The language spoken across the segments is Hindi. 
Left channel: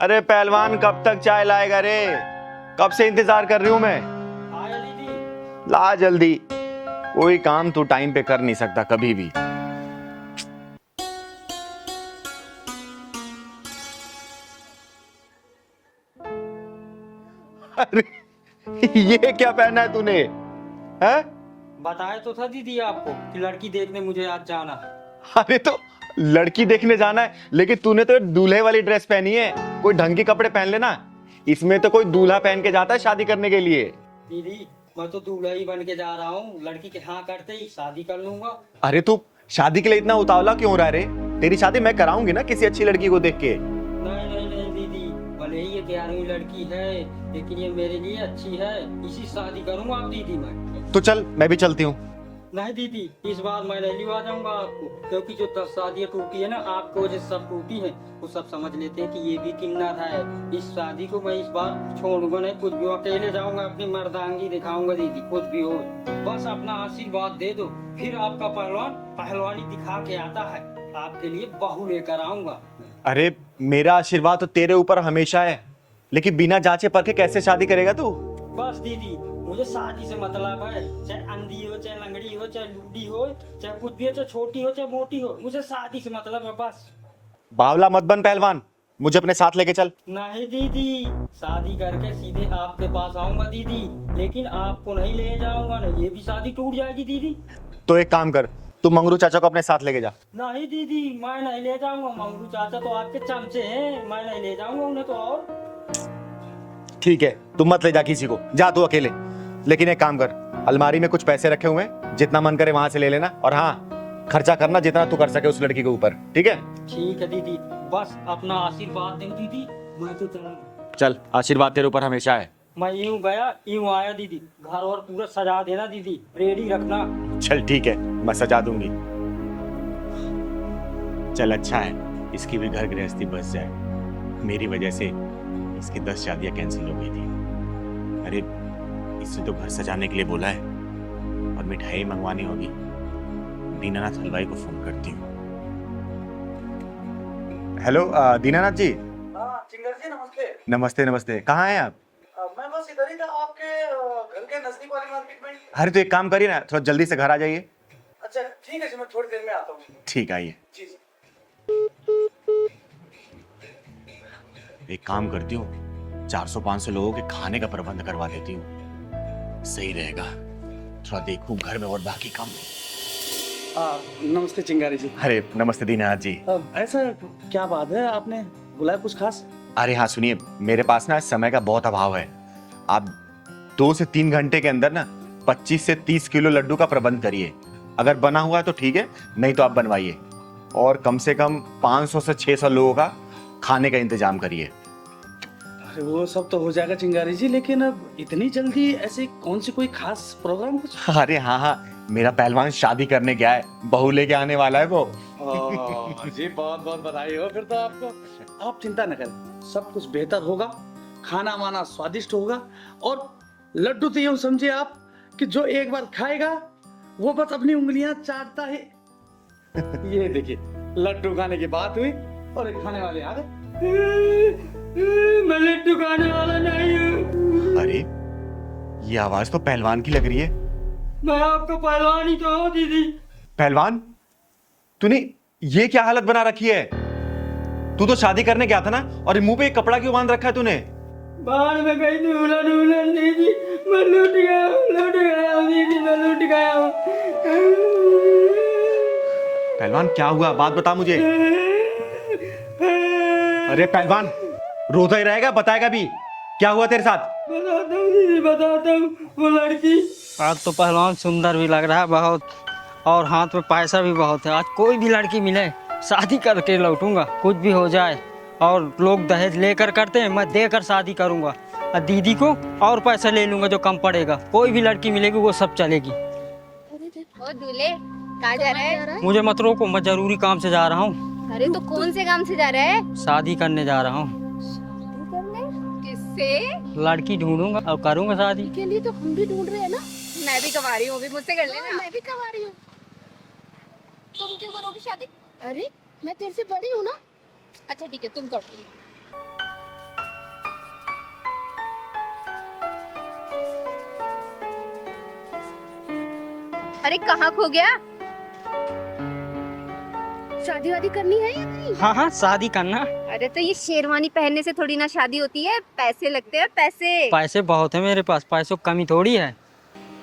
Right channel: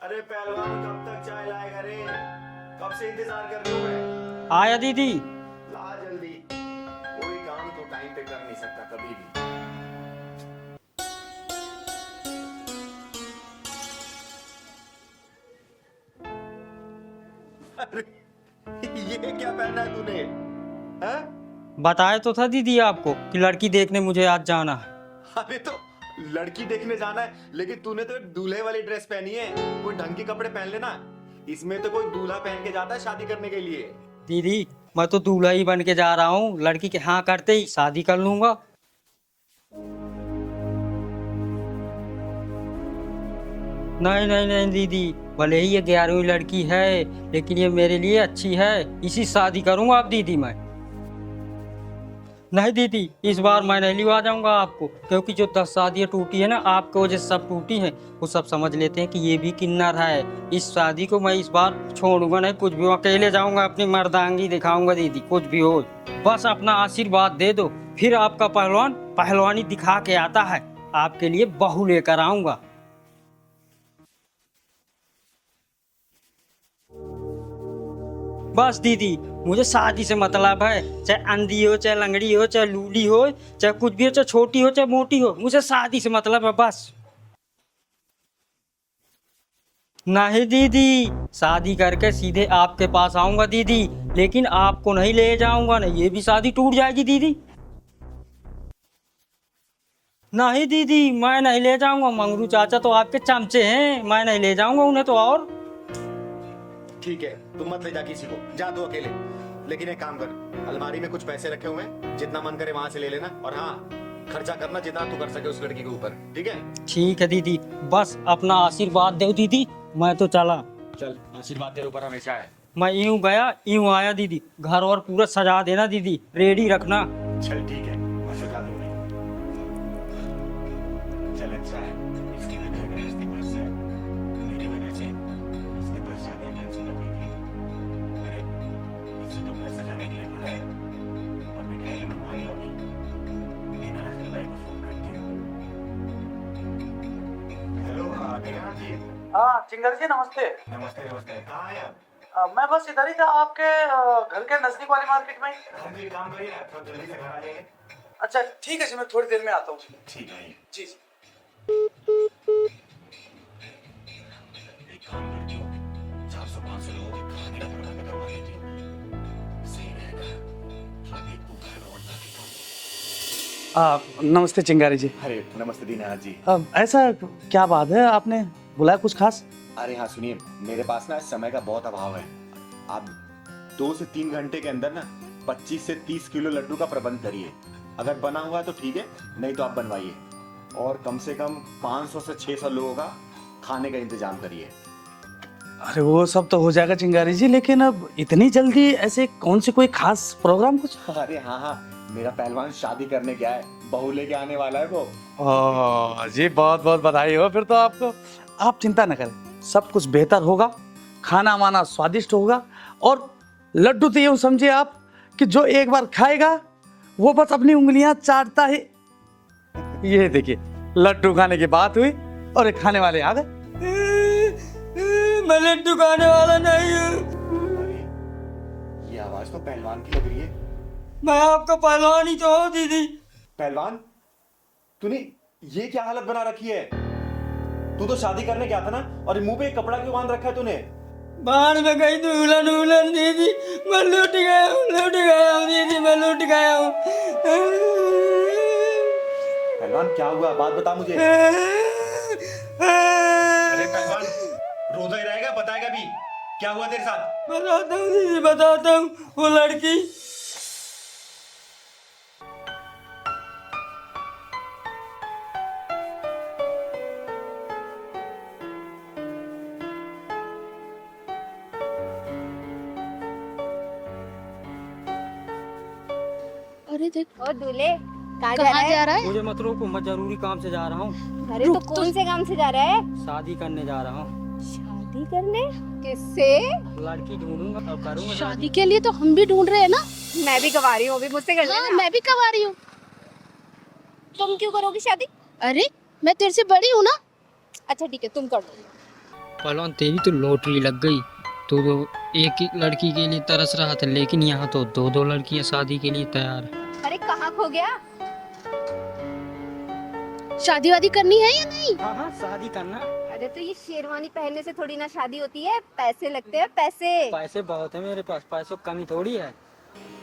अरे पहलवान कब तक चाय लाएगा रे? कब से इंतजार कर रही हूं मैं। आया दीदी। ला जल्दी। कोई काम तू टाइम पे कर नहीं सकता कभी भी। अरे ये क्या पहना है तूने? हैं? बताया तो था दीदी आपको कि लड़की देखने मुझे आज जाना है। अरे तो लड़की देखने जाना है, लेकिन तूने तो दूल्हे वाली ड्रेस पहनी है। कोई ढंग के कपड़े पहन लेना। इसमें तो कोई दूल्हा पहन के जाता है शादी करने के लिए। दीदी मैं तो दूल्हा ही बन के जा रहा हूँ, लड़की के हाँ करते ही शादी कर लूंगा। अरे तू शादी के लिए इतना उतावला क्यों हो रहा है रे? तेरी शादी मैं कराऊंगी ना किसी अच्छी लड़की को देख के। नहीं नहीं नहीं दीदी, भले ही ये 11वीं लड़की है लेकिन ये मेरे लिए अच्छी है, इसी शादी करूंगा आप दीदी मैं। तो चल मैं भी चलती हूँ। नहीं दीदी, इस बार मैं नहीं लिवा जाऊंगा आपको, क्योंकि जो 10 शादियां टूटी है ना आपकी वजह से सब टूटी है। वो सब समझ लेते हैं कि ये भी किन्नर है। इस शादी को मैं इस बार छोड़ूंगा नहीं, कुछ भी अकेले जाऊंगा, अपनी मर्दांगी दिखाऊंगा दीदी, कुछ भी हो बस अपना आशीर्वाद दे दो। फिर आपका पहलवान पहलवानी दिखा के आता है, आपके लिए बहू लेकर आऊंगा। अरे मेरा आशीर्वाद तो तेरे ऊपर हमेशा है, लेकिन बिना जांचे परखे कैसे शादी करेगा तू? बस दीदी मुझे शादी से मतलब है, चाहे अंधी हो, चाहे लंगड़ी हो, चाहे लूली हो, चाहे कुछ भी हो, चाहे छोटी हो, चाहे मोटी हो, मुझे शादी से मतलब है बस। बावला मत बन पहलवान, मुझे अपने साथ लेके चल। नहीं दीदी, शादी करके सीधे आपके पास आऊंगा दीदी, लेकिन आपको नहीं ले जाऊंगा, नहीं ये भी शादी टूट जाएगी दीदी। तो एक काम कर, तू मंगरू चाचा को अपने साथ लेके जा। नहीं दीदी मैं नहीं ले जाऊंगा, मंगरू चाचा तो आपके चमचे हैं, मैं नहीं ले जाऊंगा उन्हें तो। और ठीक है, तू मत ले जा किसी को, जा तू अकेले। लेकिन एक काम कर, अलमारी में कुछ पैसे रखे हुए हैं, जितना मन करे वहां से ले लेना, और हाँ खर्चा करना जितना तू कर सके उस लड़की के ऊपर, ठीक है? ठीक है दीदी, बस अपना आशीर्वाद दो दीदी, मैं तो चला। चल, आशीर्वाद तेरे ऊपर हमेशा है। मैं यूं गया यूं आया दीदी, घर और पूरा सजा देना दीदी, रेडी रखना। चल ठीक है, मैं सजा दूंगी। चल अच्छा है, इसकी भी घर गृहस्थी बच जाए। मेरी वजह से इसकी 10 शादियां कैंसिल हो गई थी। अरे इसे तो घर सजाने के लिए बोला है, और मिठाई मंगवानी होगी। दीनानाथ हलवाई को फोन करती हूँ। हेलो दीनानाथ जी। हाँ चिंगर जी नमस्ते। नमस्ते नमस्ते, कहाँ हैं आप? मैं बस इधर ही था, आपके घर के नजदीक वाली मार्केट में। अरे तो एक काम करिए ना, थोड़ा जल्दी से घर आ जाइए। अच्छा ठीक है जी, मैं थोड़ी देर में आता हूँ। ठीक, आइए। जी जी। एक काम करती हूँ, 400-500 लोगों के खाने का प्रबंध करवा देती हूँ, सही रहेगा। थोड़ा देखूं घर में और बाकी काम। नमस्ते चिंगारी जी। अरे नमस्ते दीनानाथ जी। ऐसा क्या बात है, आपने बुलाया कुछ खास? अरे हाँ सुनिए, मेरे पास ना समय का बहुत अभाव है। आप 2 से 3 घंटे के अंदर ना 25 से 30 किलो लड्डू का प्रबंध करिए। अगर बना हुआ है तो ठीक है, नहीं तो आप बनवाइए। और कम से कम 500 से 600 लोगों का खाने का इंतजाम करिए। अरे वो सब तो हो जाएगा चिंगारी जी, लेकिन अब इतनी जल्दी ऐसे कौन सी कोई खास प्रोग्राम कुछ? अरे हाँ हाँ, मेरा पहलवान शादी करने गया है, बहू लेके आने वाला है वो। जी बहुत बहुत बधाई हो फिर तो आपको। आप चिंता न करें, सब कुछ बेहतर होगा, खाना वाना स्वादिष्ट होगा, और लड्डू तो यूं समझिए आप कि जो एक बार खाएगा वो बस अपनी उंगलियां चाटता है। ये देखिए, लड्डू खाने की बात हुई और ये खाने वाले आ गए। मैं लड्डू खाने वाला नहीं हूँ। अरे ये आवाज तो पहलवान की लग रही है। मैं आपका पहलवान ही तो हूँ दीदी। पहलवान, तूने ये क्या हालत बना रखी है? तू तो शादी करने गया था ना, और ये मुंह पे एक कपड़ा क्यों बांध रखा है तूने? बाहर में गई दुल्हन उल्हन दीदी, मैं लूट गया हूँ दीदी, मैं लूट गया हूँ। पहलवान क्या हुआ, बात बता मुझे। अरे पहलवान, रोता ही रहेगा, बताएगा भी? क्या हुआ तेरे साथ? बताता हूँ दीदी, बताता हूँ। वो लड़की आज तो पहलवान सुंदर भी लग रहा है बहुत, और हाथ में पैसा भी बहुत है। आज कोई भी लड़की मिले शादी करके लौटूंगा, कुछ भी हो जाए। और लोग दहेज लेकर करते हैं, मैं देकर शादी करूंगा। और दीदी को और पैसा ले लूंगा जो कम पड़ेगा। कोई भी लड़की मिलेगी वो सब चलेगी। अरे देखो दूल्हे कहाँ जा रहा है? मुझे मत रोको, मैं जरूरी काम से जा रहा हूँ। अरे तो कौन से काम से जा रहा है? शादी करने जा रहा हूँ। शादी करने? किससे? लड़की ढूंढूंगा और करूंगा शादी। के लिए तो हम भी ढूंढ रहे हैं ना। मैं भी कवा रही हूँ, अभी मुझसे कर लेना। मैं भी कवा रही हूँ। तुम क्यों करोगी शादी? अरे मैं तेरे से बड़ी हूँ ना। अच्छा ठीक है, तुम करो। पहलवान तेरी तो लॉटरी लग गई। तो एक ही लड़की के लिए तरस रहा था, लेकिन यहाँ तो दो दो लड़कियां शादी के लिए तैयार है। अरे कहाँ खो गया? शादी वादी करनी है या नहीं? हाँ हाँ, शादी करना। अरे तो ये शेरवानी पहनने से थोड़ी ना शादी होती है, पैसे लगते हैं पैसे। पैसे बहुत है मेरे पास, पैसों की कमी थोड़ी है।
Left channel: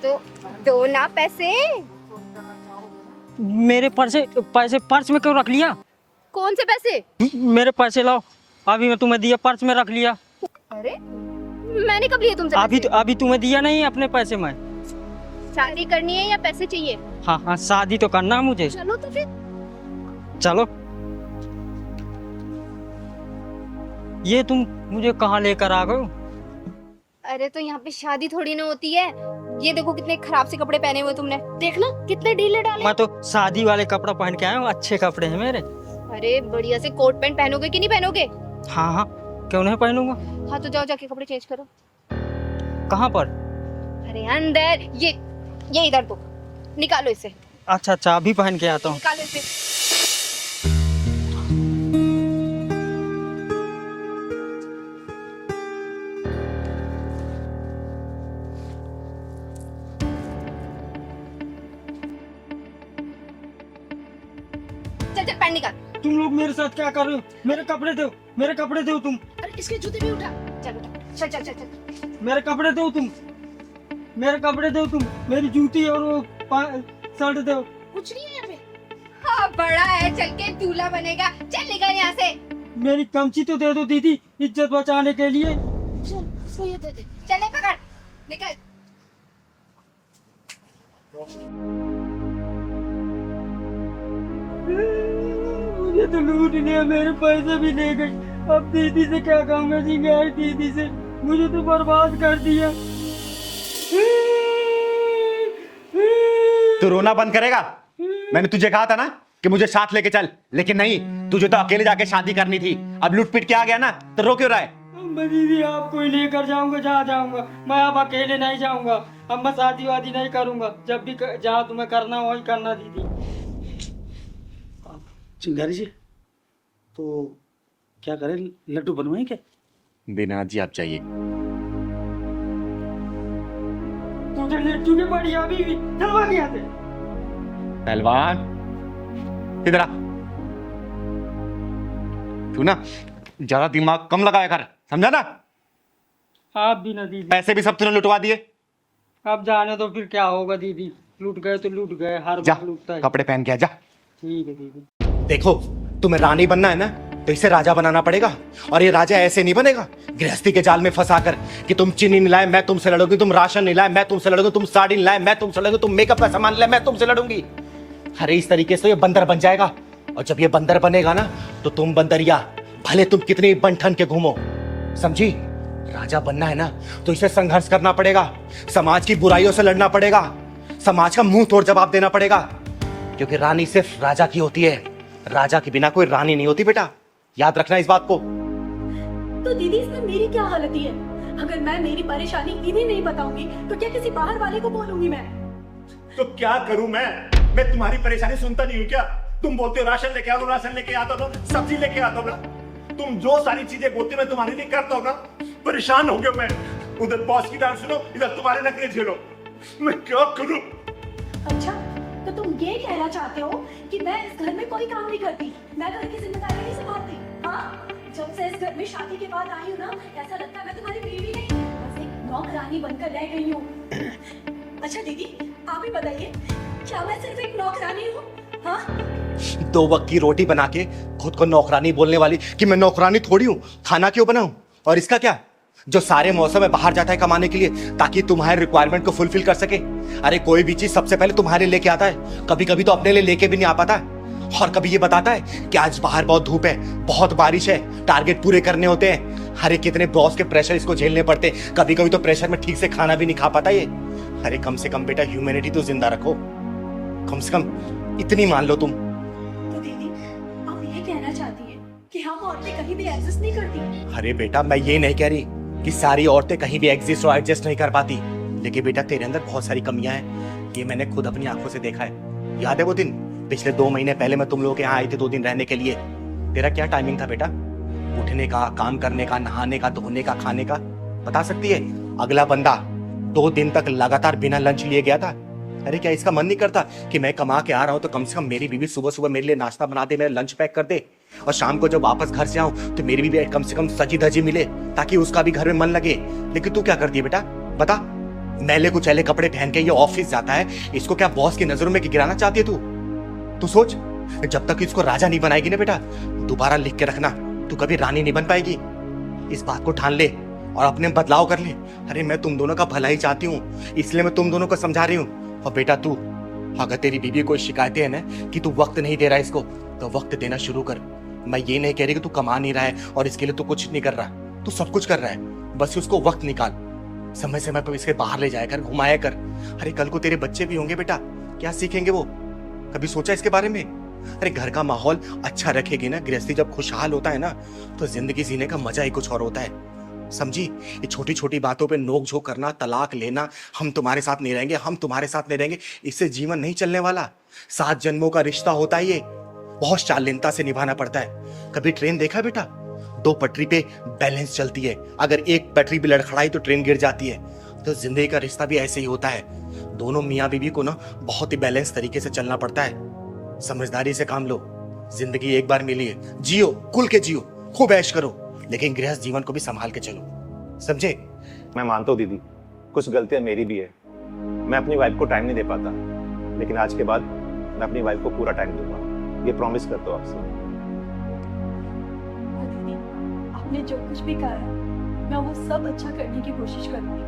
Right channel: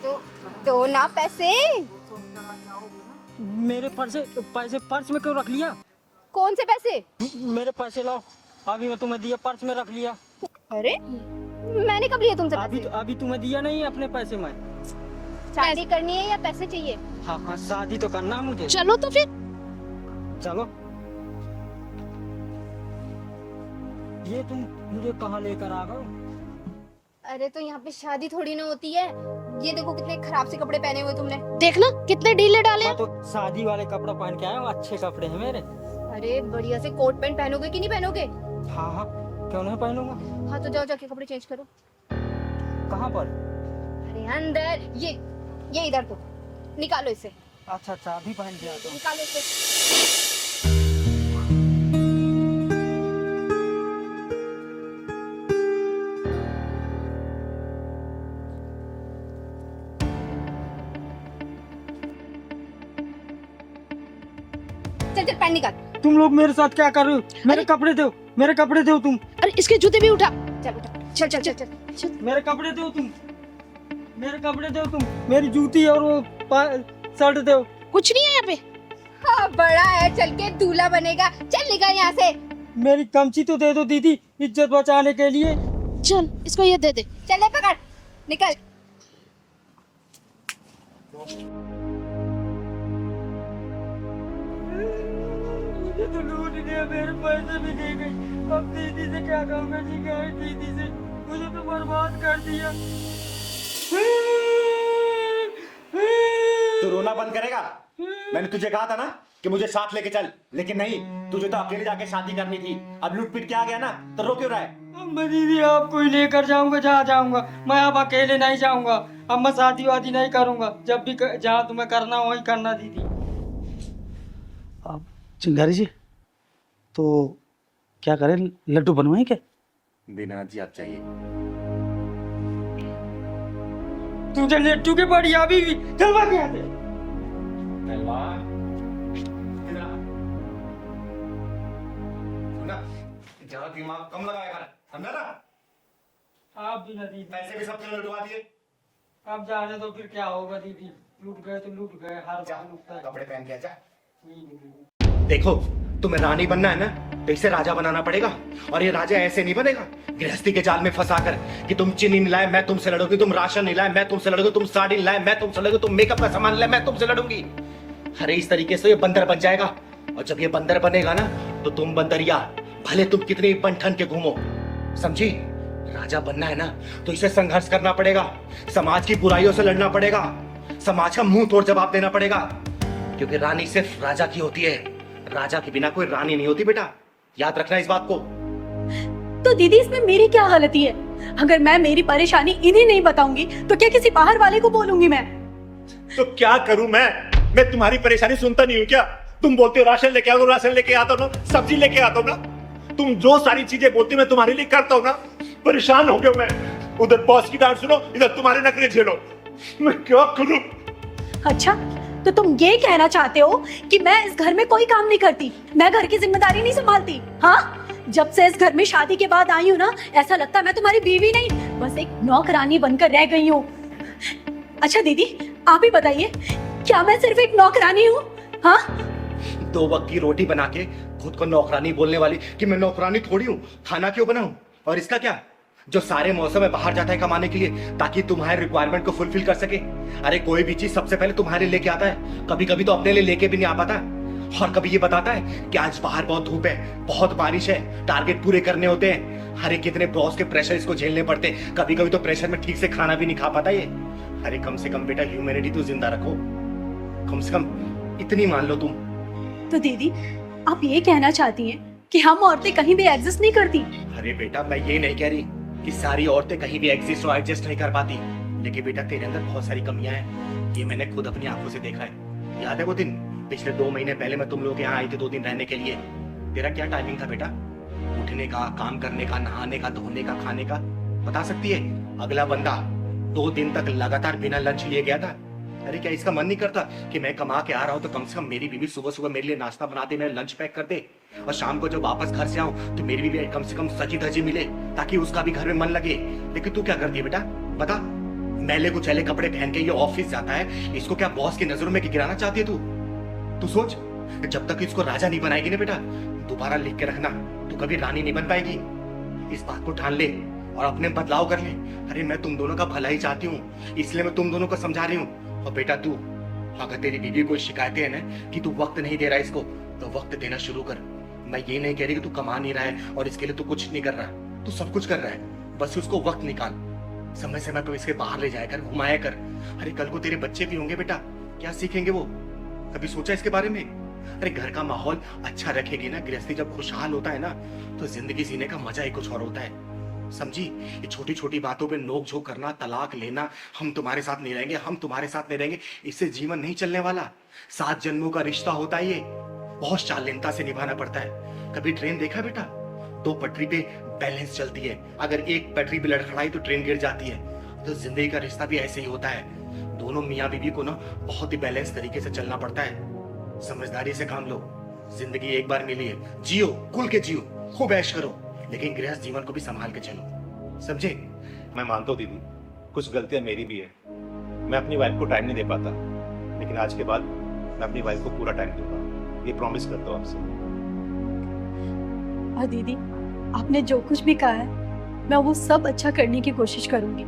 तो दो ना पैसे। मेरे पैसे पर्स में क्यों रख लिया? कौन से पैसे? मेरे पैसे लाओ, अभी मैं तुम्हें दिया, पर्स में रख लिया। अरे मैंने कब लिए तुमसे? अभी तुम्हें दिया नहीं अपने पैसे में। शादी करनी है या पैसे चाहिए? हाँ हाँ, शादी तो करना है मुझे। चलो तो फिर। चलो। ये तुम मुझे कहाँ लेकर आ गए? अरे तो यहाँ पे शादी थोड़ी ना होती है। ये देखो कितने खराब से कपड़े पहने हुए तुमने। देखना कितने ढीले डाले। मैं तो शादी वाले कपड़ा पहन के आया हूँ, अच्छे कपड़े हैं मेरे। अरे बढ़िया से कोट पैंट पहनोगे कि नहीं पहनोगे? हाँ हाँ, क्यों नहीं पहनूंगा। हाँ तो जाओ जाके कपड़े चेंज करो। कहाँ पर? अरे अंदर, ये इधर तो निकालो इसे। अच्छा अच्छा, अभी पहन के आता हूँ। निकालो इसे। चल चल पैंट निकाल। तुम लोग मेरे साथ क्या कर रहे हो? मेरे कपड़े दो, मेरे कपड़े दो तुम। अरे इसके जूते भी उठा। चल उठा, चल चल चल चल, चल। मेरे कपड़े दो तुम, मेरे कपड़े दो तुम, मेरी जूती और वो शर्ट दो। कुछ नहीं है यहाँ पे। हाँ बड़ा है, चल के दूल्हा बनेगा। चल निकल यहाँ से। मेरी कमची तो दे दो दीदी, इज्जत बचाने के लिए। चल इसको ये दे दे। चल ले पकड़, निकल। मुझे तो लूट लिया, मेरे पैसे भी ले गई। अब दीदी से क्या काम है जी, गए दीदी से, मुझे तो बर्बाद कर दिया। तू रोना बंद करेगा? मैंने तुझे कहा था ना कि मुझे साथ लेके चल, लेकिन नहीं, तुझे तो अकेले जाके शादी करनी थी। अब लूट पीट के आ गया ना, तो रो क्यों रहा है? मैं दीदी आपको ही लेकर जाऊंगा, जहाँ जाऊंगा। मैं अब अकेले नहीं जाऊंगा। अब मैं शादी वादी नहीं करूंगा। जब भी जहाँ तुम्हें करना हो वही करना दीदी। चिंगारी जी, तो क्या करें, लड्डू बनवाएं क्या? दीनानाथ जी आप चाहिए। तुझे लट्टू के पड़ी अभी भी, चलवा के यहाँ से। पहलवान इधर आ। तू ना ज्यादा दिमाग कम लगाया कर, समझा ना? आप भी ना दीदी। पैसे भी सब तूने लुटवा दिए। अब जाने दो, फिर क्या होगा दीदी। लूट गए तो लूट गए, हर जा बार लूटता है। कपड़े पहन के आ जा। ठीक है दीदी। देखो, तुम्हें रानी बनना है ना, तो इसे राजा बनाना पड़ेगा। और ये राजा ऐसे नहीं बनेगा गृहस्थी के जाल में फंसा कर कि तुम चीनी नहीं लाए मैं तुमसे लड़ूंगी, तुम राशन नहीं लाए मैं तुमसे लड़ूंगी, तुम साड़ी नहीं लाए मैं तुमसे लड़ूंगी, तुम मेकअप का सामान लाए मैं तुमसे लड़ूंगी। अरे इस तरीके से ये बंदर बन जाएगा। और जब ये बंदर बनेगा ना, तो तुम बंदरिया, भले तुम कितनी बन ठन के घूमो, समझी? राजा बनना है ना, तो इसे संघर्ष करना पड़ेगा, समाज की बुराइयों से लड़ना पड़ेगा, समाज का मुंह तोड़ जवाब देना पड़ेगा। क्योंकि रानी सिर्फ राजा की होती है, राजा के बिना कोई रानी नहीं होती बेटा, याद रखना इस बात को। तो दीदी इसमें मेरी क्या गलती है? अगर मैं मेरी परेशानी इन्हें नहीं बताऊंगी तो क्या किसी बाहर वाले को बोलूंगी मैं? तो क्या करूं मैं तुम्हारी परेशानी सुनता नहीं हूं क्या? तुम बोलते हो राशन लेके आओ, राशन लेके आता हूं ना, सब्जी लेके आता हूं ना, तुम जो सारी चीजें बोलती हो मैं तुम्हारे लिए करता हूं ना। परेशान हो गया मैं, उधर बॉस की डांट सुनो, इधर तुम्हारे नखरे झेलो, मैं क्या करूं? अच्छा, तो तुम ये कहना चाहते हो कि मैं इस घर में कोई काम नहीं करती, मैं घर की जिम्मेदारी नहीं संभालती? हाँ, जब से इस घर में शादी के बाद आई हूँ ना, ऐसा लगता है मैं तुम्हारी बीवी नहीं, बस एक नौकरानी बनकर रह गई हूँ। अच्छा दीदी, आप ही बताइए, क्या मैं सिर्फ एक नौकरानी हूँ? हाँ, 2 वक्त की रोटी बना के खुद को नौकरानी बोलने वाली कि मैं नौकरानी थोड़ी हूँ, खाना क्यों बनाऊं? और इसका क्या, जो सारे मौसम में बाहर जाता है कमाने के लिए ताकि तुम्हारे रिक्वायरमेंट को फुलफिल कर सके। अरे कोई भी चीज सबसे पहले तुम्हारे लिए लेके आता है, कभी कभी तो अपने लिए लेके भी नहीं आ पाता है, और कभी ये बताता है कि आज बाहर बहुत धूप है, बहुत बारिश है, टारगेट पूरे करने होते हैं। अरे कितने बॉस के प्रेशर इसको झेलने पड़ते, कभी कभी तो प्रेशर में ठीक से खाना भी नहीं खा पाता ये। अरे कम से कम बेटा ह्यूमैनिटी तो जिंदा रखो, कम से कम इतनी मान लो तुम। तो दीदी आप ये कहना चाहती हैं कि हम औरतें कहीं भी एग्जिस्ट नहीं करती? अरे बेटा मैं ये नहीं कह रही कि सारी औरतें कहीं भी एग्जिस्ट और एडजस्ट नहीं कर पाती, लेकिन बेटा तेरे अंदर बहुत सारी कमियां हैं, ये मैंने खुद अपनी आंखों से देखा है। याद है वो दिन पिछले 2 महीने पहले मैं तुम लोगों के यहाँ आई थी 2 दिन रहने के लिए? तेरा क्या टाइमिंग था बेटा? उठने का, काम करने का, नहाने का, धोने का, खाने का बता सकती है? अगला बंदा 2 दिन तक लगातार बिना लंच लिए गया था। अरे क्या इसका मन नहीं करता कि मैं कमा के आ रहा हूं तो कम से कम मेरी बीवी सुबह सुबह मेरे लिए नाश्ता बना दे, मेरा लंच पैक कर दे, और शाम को जब वापस घर से आऊं तो मेरी बीवी कम से कम सजी धजी मिले ताकि उसका भी घर में मन लगे। लेकिन तू क्या करती है बेटा, बता? मैले कुचैले कपड़े पहन के ये ऑफिस जाता है, इसको क्या बॉस की नजरों में गिराना चाहती है तू? तू सोच, जब तक इसको राजा नहीं बनाएगी ना बेटा, दोबारा लिख के रखना, तू कभी रानी नहीं बन पाएगी। इस बात को ठान ले और अपने बदलाव कर ले। अरे मैं तुम दोनों का भला ही चाहती हूँ, इसलिए मैं तुम दोनों को समझा रही हूँ। और बेटा तू, अगर तेरी बीवी कोई शिकायतें है ना कि तू वक्त नहीं दे रहा है इसको, तो वक्त देना शुरू कर। मैं ये नहीं कह रही कि तू कमा नहीं रहा है और इसके लिए तू कुछ नहीं कर रहा, तू सब कुछ कर रहा है, बस उसको वक्त निकाल, समय समय पर इसके बाहर ले जाया कर, घुमाया कर। अरे कल को तेरे बच्चे भी होंगे बेटा, क्या सीखेंगे वो? कभी सोचा इसके बारे में? अरे घर का माहौल अच्छा रखेगी ना, गृहस्थी जब खुशहाल होता है ना, तो जिंदगी जीने का मजा ही कुछ और होता है, समझी? ये छोटी छोटी बातों पे नोक झोंक करना, तलाक लेना, हम तुम्हारे साथ नहीं रहेंगे, हम तुम्हारे साथ नहीं रहेंगे, इससे जीवन नहीं चलने वाला। 7 जन्मों का रिश्ता होता है ये, बहुत शालीनता से निभाना पड़ता है। कभी ट्रेन देखा बेटा? 2 पटरी पे बैलेंस चलती है, अगर एक पटरी भी लड़खड़ाई तो ट्रेन गिर जाती है। तो जिंदगी का रिश्ता भी ऐसे ही होता है, दोनों मियाँ बीवी को ना बहुत ही बैलेंस तरीके से चलना पड़ता है। समझदारी से काम लो, जिंदगी एक बार मिली है, जियो, खुल के जियो, खूब ऐश करो, लेकिन गृहस्थ जीवन को भी संभाल के चलो, समझे? मैं मानता हूँ दीदी, कुछ गलतियां मेरी भी है, मैं अपनी वाइफ को टाइम नहीं दे पाता, लेकिन आज के बाद मैं अपनी वाइफ को पूरा टाइम दूंगा, ये प्रॉमिस करता हूँ आपसे। और दीदी, आपने जो कुछ भी कहा है मैं वो सब अच्छा करने की कोशिश करूंगी,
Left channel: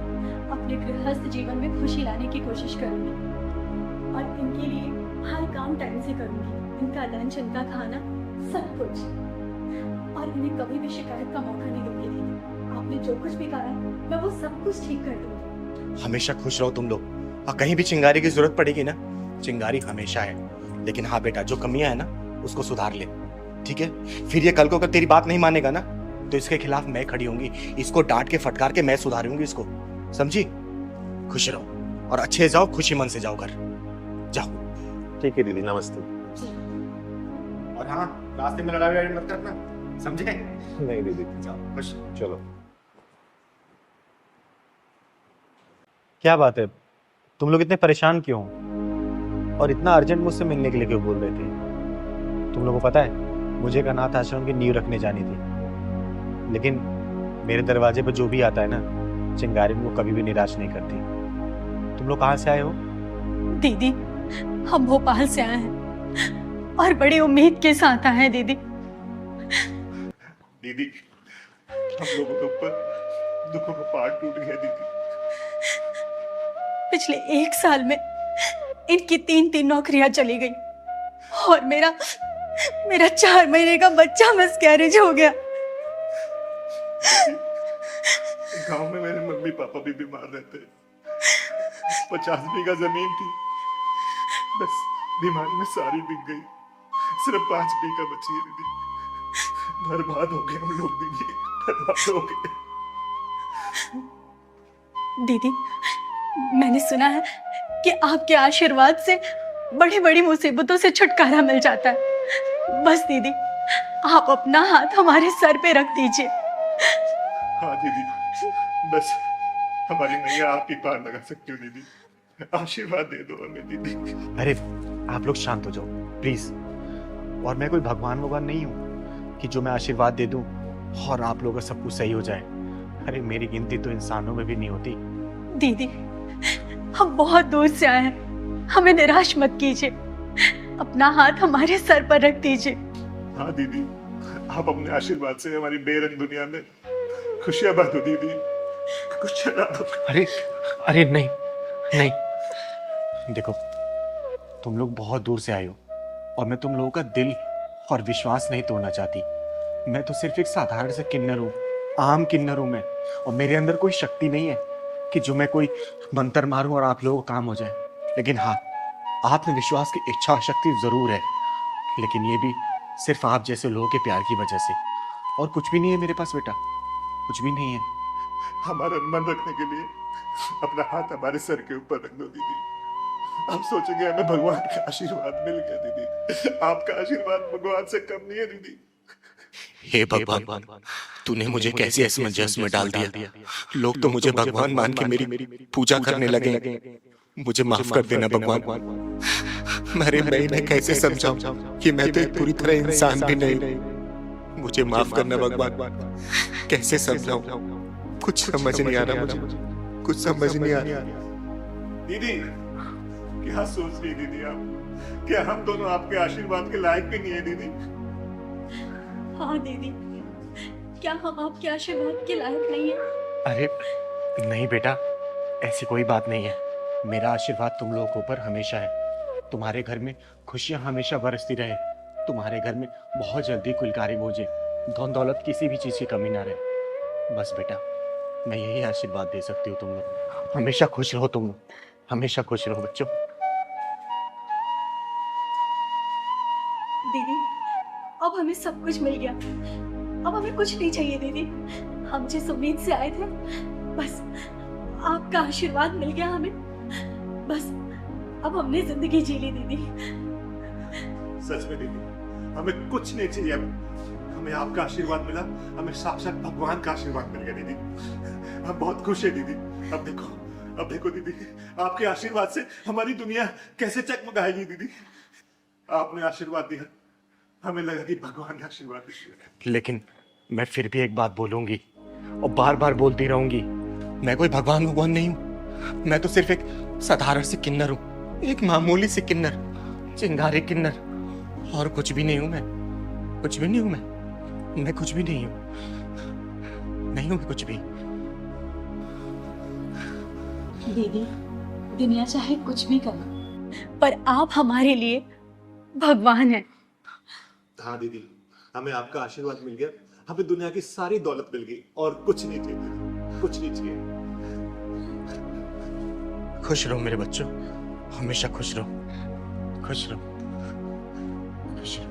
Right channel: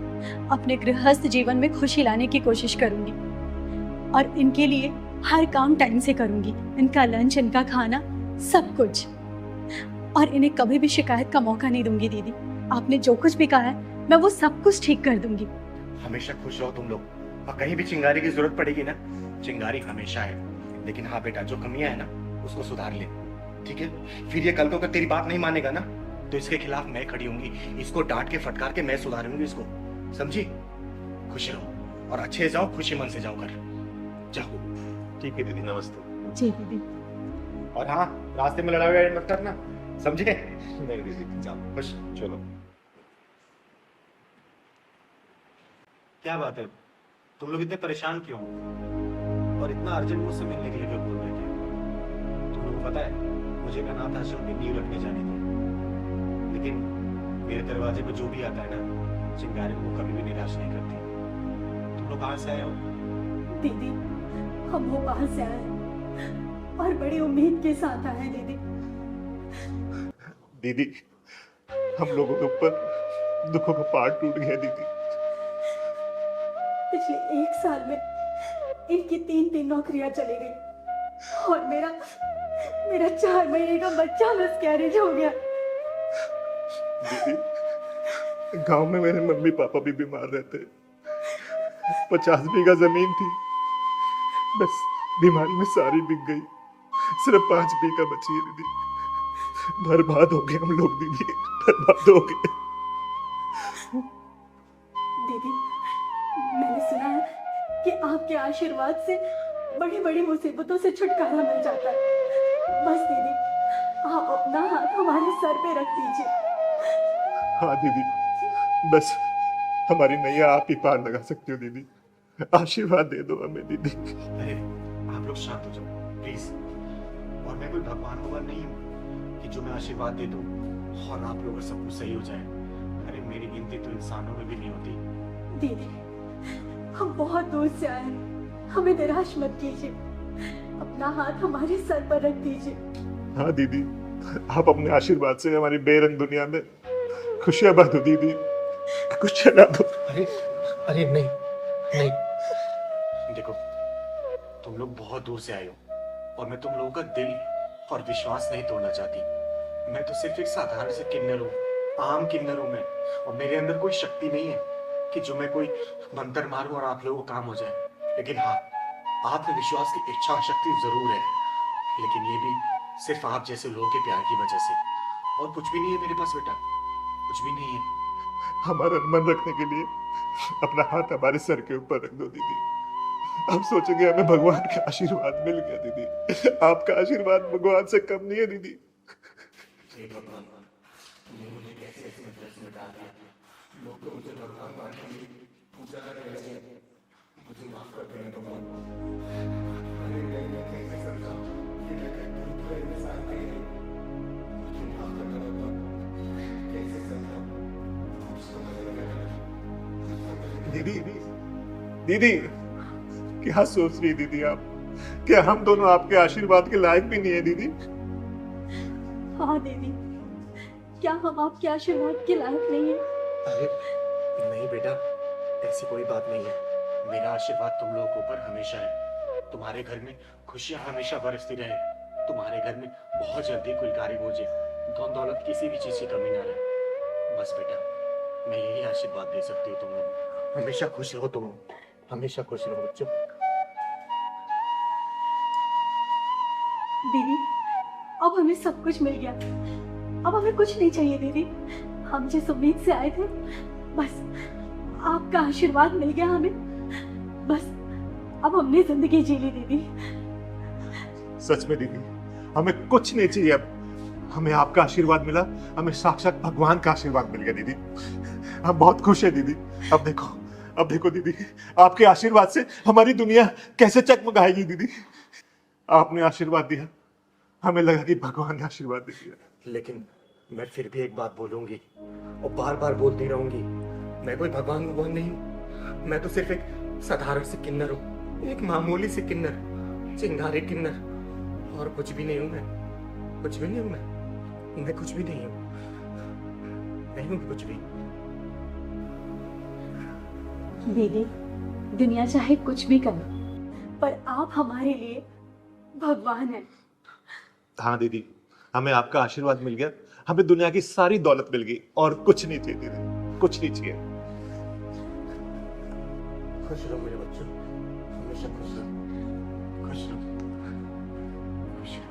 अपने गृहस्थ जीवन में खुशी लाने की कोशिश करूंगी, और इनके लिए हर काम टाइम से करूंगी, इनका लंच, इनका खाना, सब कुछ, और इन्हें कभी भी शिकायत का मौका नहीं दूंगी। दीदी, आपने जो कुछ भी कहा है मैं वो सब कुछ ठीक कर दूंगी। हमेशा खुश रहो तुम लोग, और कहीं भी चिंगारी की जरूरत पड़ेगी ना, चिंगारी हमेशा है। लेकिन हाँ बेटा, जो कमियां है ना उसको सुधार ले, ठीक है? फिर ये कल को अगर तेरी बात नहीं मानेगा ना, तो इसके खिलाफ मैं खड़ी होंगी, इसको डांट के फटकार के मैं सुधारूंगी इसको, समझी? खुश रहो और अच्छे जाओ, खुशी मन से जाओ घर, जाओ। ठीक है दीदी, नमस्ते। जी दीदी। और हाँ, रास्ते में लड़ाई मत करना, समझे? नहीं दीदी, जाओ खुश। चलो। क्या बात है, तुम लोग इतने परेशान क्यों हो? और इतना अर्जेंट मुझसे मिलने के लिए क्यों बोल रहे थे? तुम लोगों को पता है, मुझे एक अनाथ आश्रम की नींव रखने जानी थी, लेकिन मेरे दरवाजे पर जो भी आता है ना, चिंगारी को कभी भी निराश नहीं करती। तुम लोग कहाँ से आए हो? दीदी, हम भोपाल से आए हैं और बड़ी उम्मीद के साथ आए हैं। दीदी, दीदी, हम लोगों के ऊपर दुखों का पहाड़ टूट गया दीदी। पिछले 1 साल में इनकी 3 नौकरियां चली गई और मेरा 4 महीने का बच्चा मिसकैरेज हो गया। गांव में मेरे मम्मी पापा भी बीमार रहते, 50 बीघा जमीन थी, बस बीमारी में सारी बिक गई, सिर्फ 5 बीघा बची है दीदी। बर्बाद हो गए हम लोग दीदी, बर्बाद हो गए। दीदी, मैंने सुना है कि आपके आशीर्वाद से बड़ी बड़ी मुसीबतों से छुटकारा मिल जाता है। बस दीदी, आप अपना हाथ हमारे सर पे रख दीजिए। हाँ दीदी, बस हमारी नैया आप ही पार लगा सकती हो दीदी, आशीर्वाद दे दो हमें दीदी। अरे आप लोग शांत हो जाओ प्लीज, और मैं कोई भगवान भगवान नहीं हूँ कि जो मैं आशीर्वाद दे दूं और आप लोगों का सब कुछ सही हो जाए। अरे मेरी गिनती तो इंसानों में भी नहीं होती। दीदी, हम बहुत दूर से आए हैं, हमें निराश मत कीजिए, अपना हाथ हमारे सर पर रख दीजिए। हाँ दीदी, आप अपने आशीर्वाद से हमारी बेरंग दुनिया में खुशियां बांटो दीदी, कुछ चला दो। अरे नहीं नहीं, देखो, तुम लोग बहुत दूर से आए हो और मैं तुम लोगों का दिल और विश्वास नहीं तोड़ना चाहती। मैं तो सिर्फ एक साधारण से किन्नर हूँ, आम किन्नर हूँ मैं, और मेरे अंदर कोई शक्ति नहीं है कि जो मैं कोई मंत्र मारूं और आप लोगों को काम हो जाए। लेकिन हाँ, आत्मविश्वास की इच्छा शक्ति जरूर है, लेकिन ये भी सिर्फ आप जैसे लोगों के प्यार की वजह से, और कुछ भी नहीं है मेरे पास बेटा, कुछ भी नहीं है। हमारा मन रखने के लिए अपना हाथ हमारे सर के ऊपर रख दो दीदी, हम सोचेंगे हमें भगवान का आशीर्वाद मिल गया दीदी। आपका आशीर्वाद भगवान से कम नहीं है दीदी। हे भगवान, तूने मुझे कैसे असमंजस में डाल दिया। लोग तो मुझे भगवान मान के मेरी पूजा करने लगे। मुझे माफ कर देना भगवान। मैं इन्हें कैसे समझाऊं कि मैं तो एक पूरी तरह इंसान भी नहीं। मुझे माफ करना भगवान। कैसे समझाऊं? कुछ समझ नहीं आ रहा मुझे, कुछ समझ नहीं आ रहा। दीदी, क्या सोच रही दीदी आप? क्या हम दोनों आपके आशीर्वाद के लायक भी नहीं है दीदी? हाँ दीदी, क्या हम आपके आशीर्वाद के लायक नहीं है? अरे नहीं बेटा, ऐसी कोई बात नहीं है। मेरा आशीर्वाद तुम लोगों के ऊपर हमेशा है। तुम्हारे घर में खुशियां हमेशा बरसती रहे। तुम्हारे घर में बहुत जल्दी कुलकारी बोझे, धन दौलत किसी भी चीज की कमी ना रहे। बस बेटा, मैं यही आशीर्वाद दे सकती हूँ तुम लोग। हमेशा खुश रहो तुम लोग, हमेशा खुश रहो बच्चों। दीदी, अब हमें सब कुछ मिल गया। अब हमें कुछ नहीं चाहिए दीदी। हम जिस उम्मीद से आए थे, बस आपका आशीर्वाद मिल गया हमें। बस अब हमने जिंदगी जी ली दीदी। सच में दीदी, हमें कुछ नहीं चाहिए अब। हमें आपका आशीर्वाद मिला, हमें साक्षात भगवान का आशीर्वाद मिल गया दीदी। हम बहुत खुश है दीदी। अब देखो दीदी, आपके आशीर्वाद से हमारी दुनिया कैसे चकमकाएगी दीदी। आपने आशीर्वाद दिया, हमें लगा कि भगवान ने आशीर्वाद दिया। लेकिन मैं फिर भी एक बात बोलूंगी और बार बार बोलती रहूंगी। मैं कोई भगवान नहीं हूँ। मैं तो सिर्फ एक साधारण से किन्नर हूँ, एक मामूली से किन्नर, चिंगारी किन्नर, और कुछ भी नहीं हूँ। मैं कुछ भी नहीं हूँ। मैं कुछ भी नहीं हूँ। नहीं हूँ कुछ भी। दीदी, दुनिया चाहे कुछ भी करे, पर आप हमारे लिए भगवान हैं। हाँ दीदी, हमें आपका आशीर्वाद मिल गया। हमें दुनिया की सारी दौलत मिल गई और कुछ नहीं चाहिए दीदी, कुछ नहीं चाहिए। खुश रहो मेरे बच्चों, हमेशा खुश रहो, खुश रहो, खुश रहो।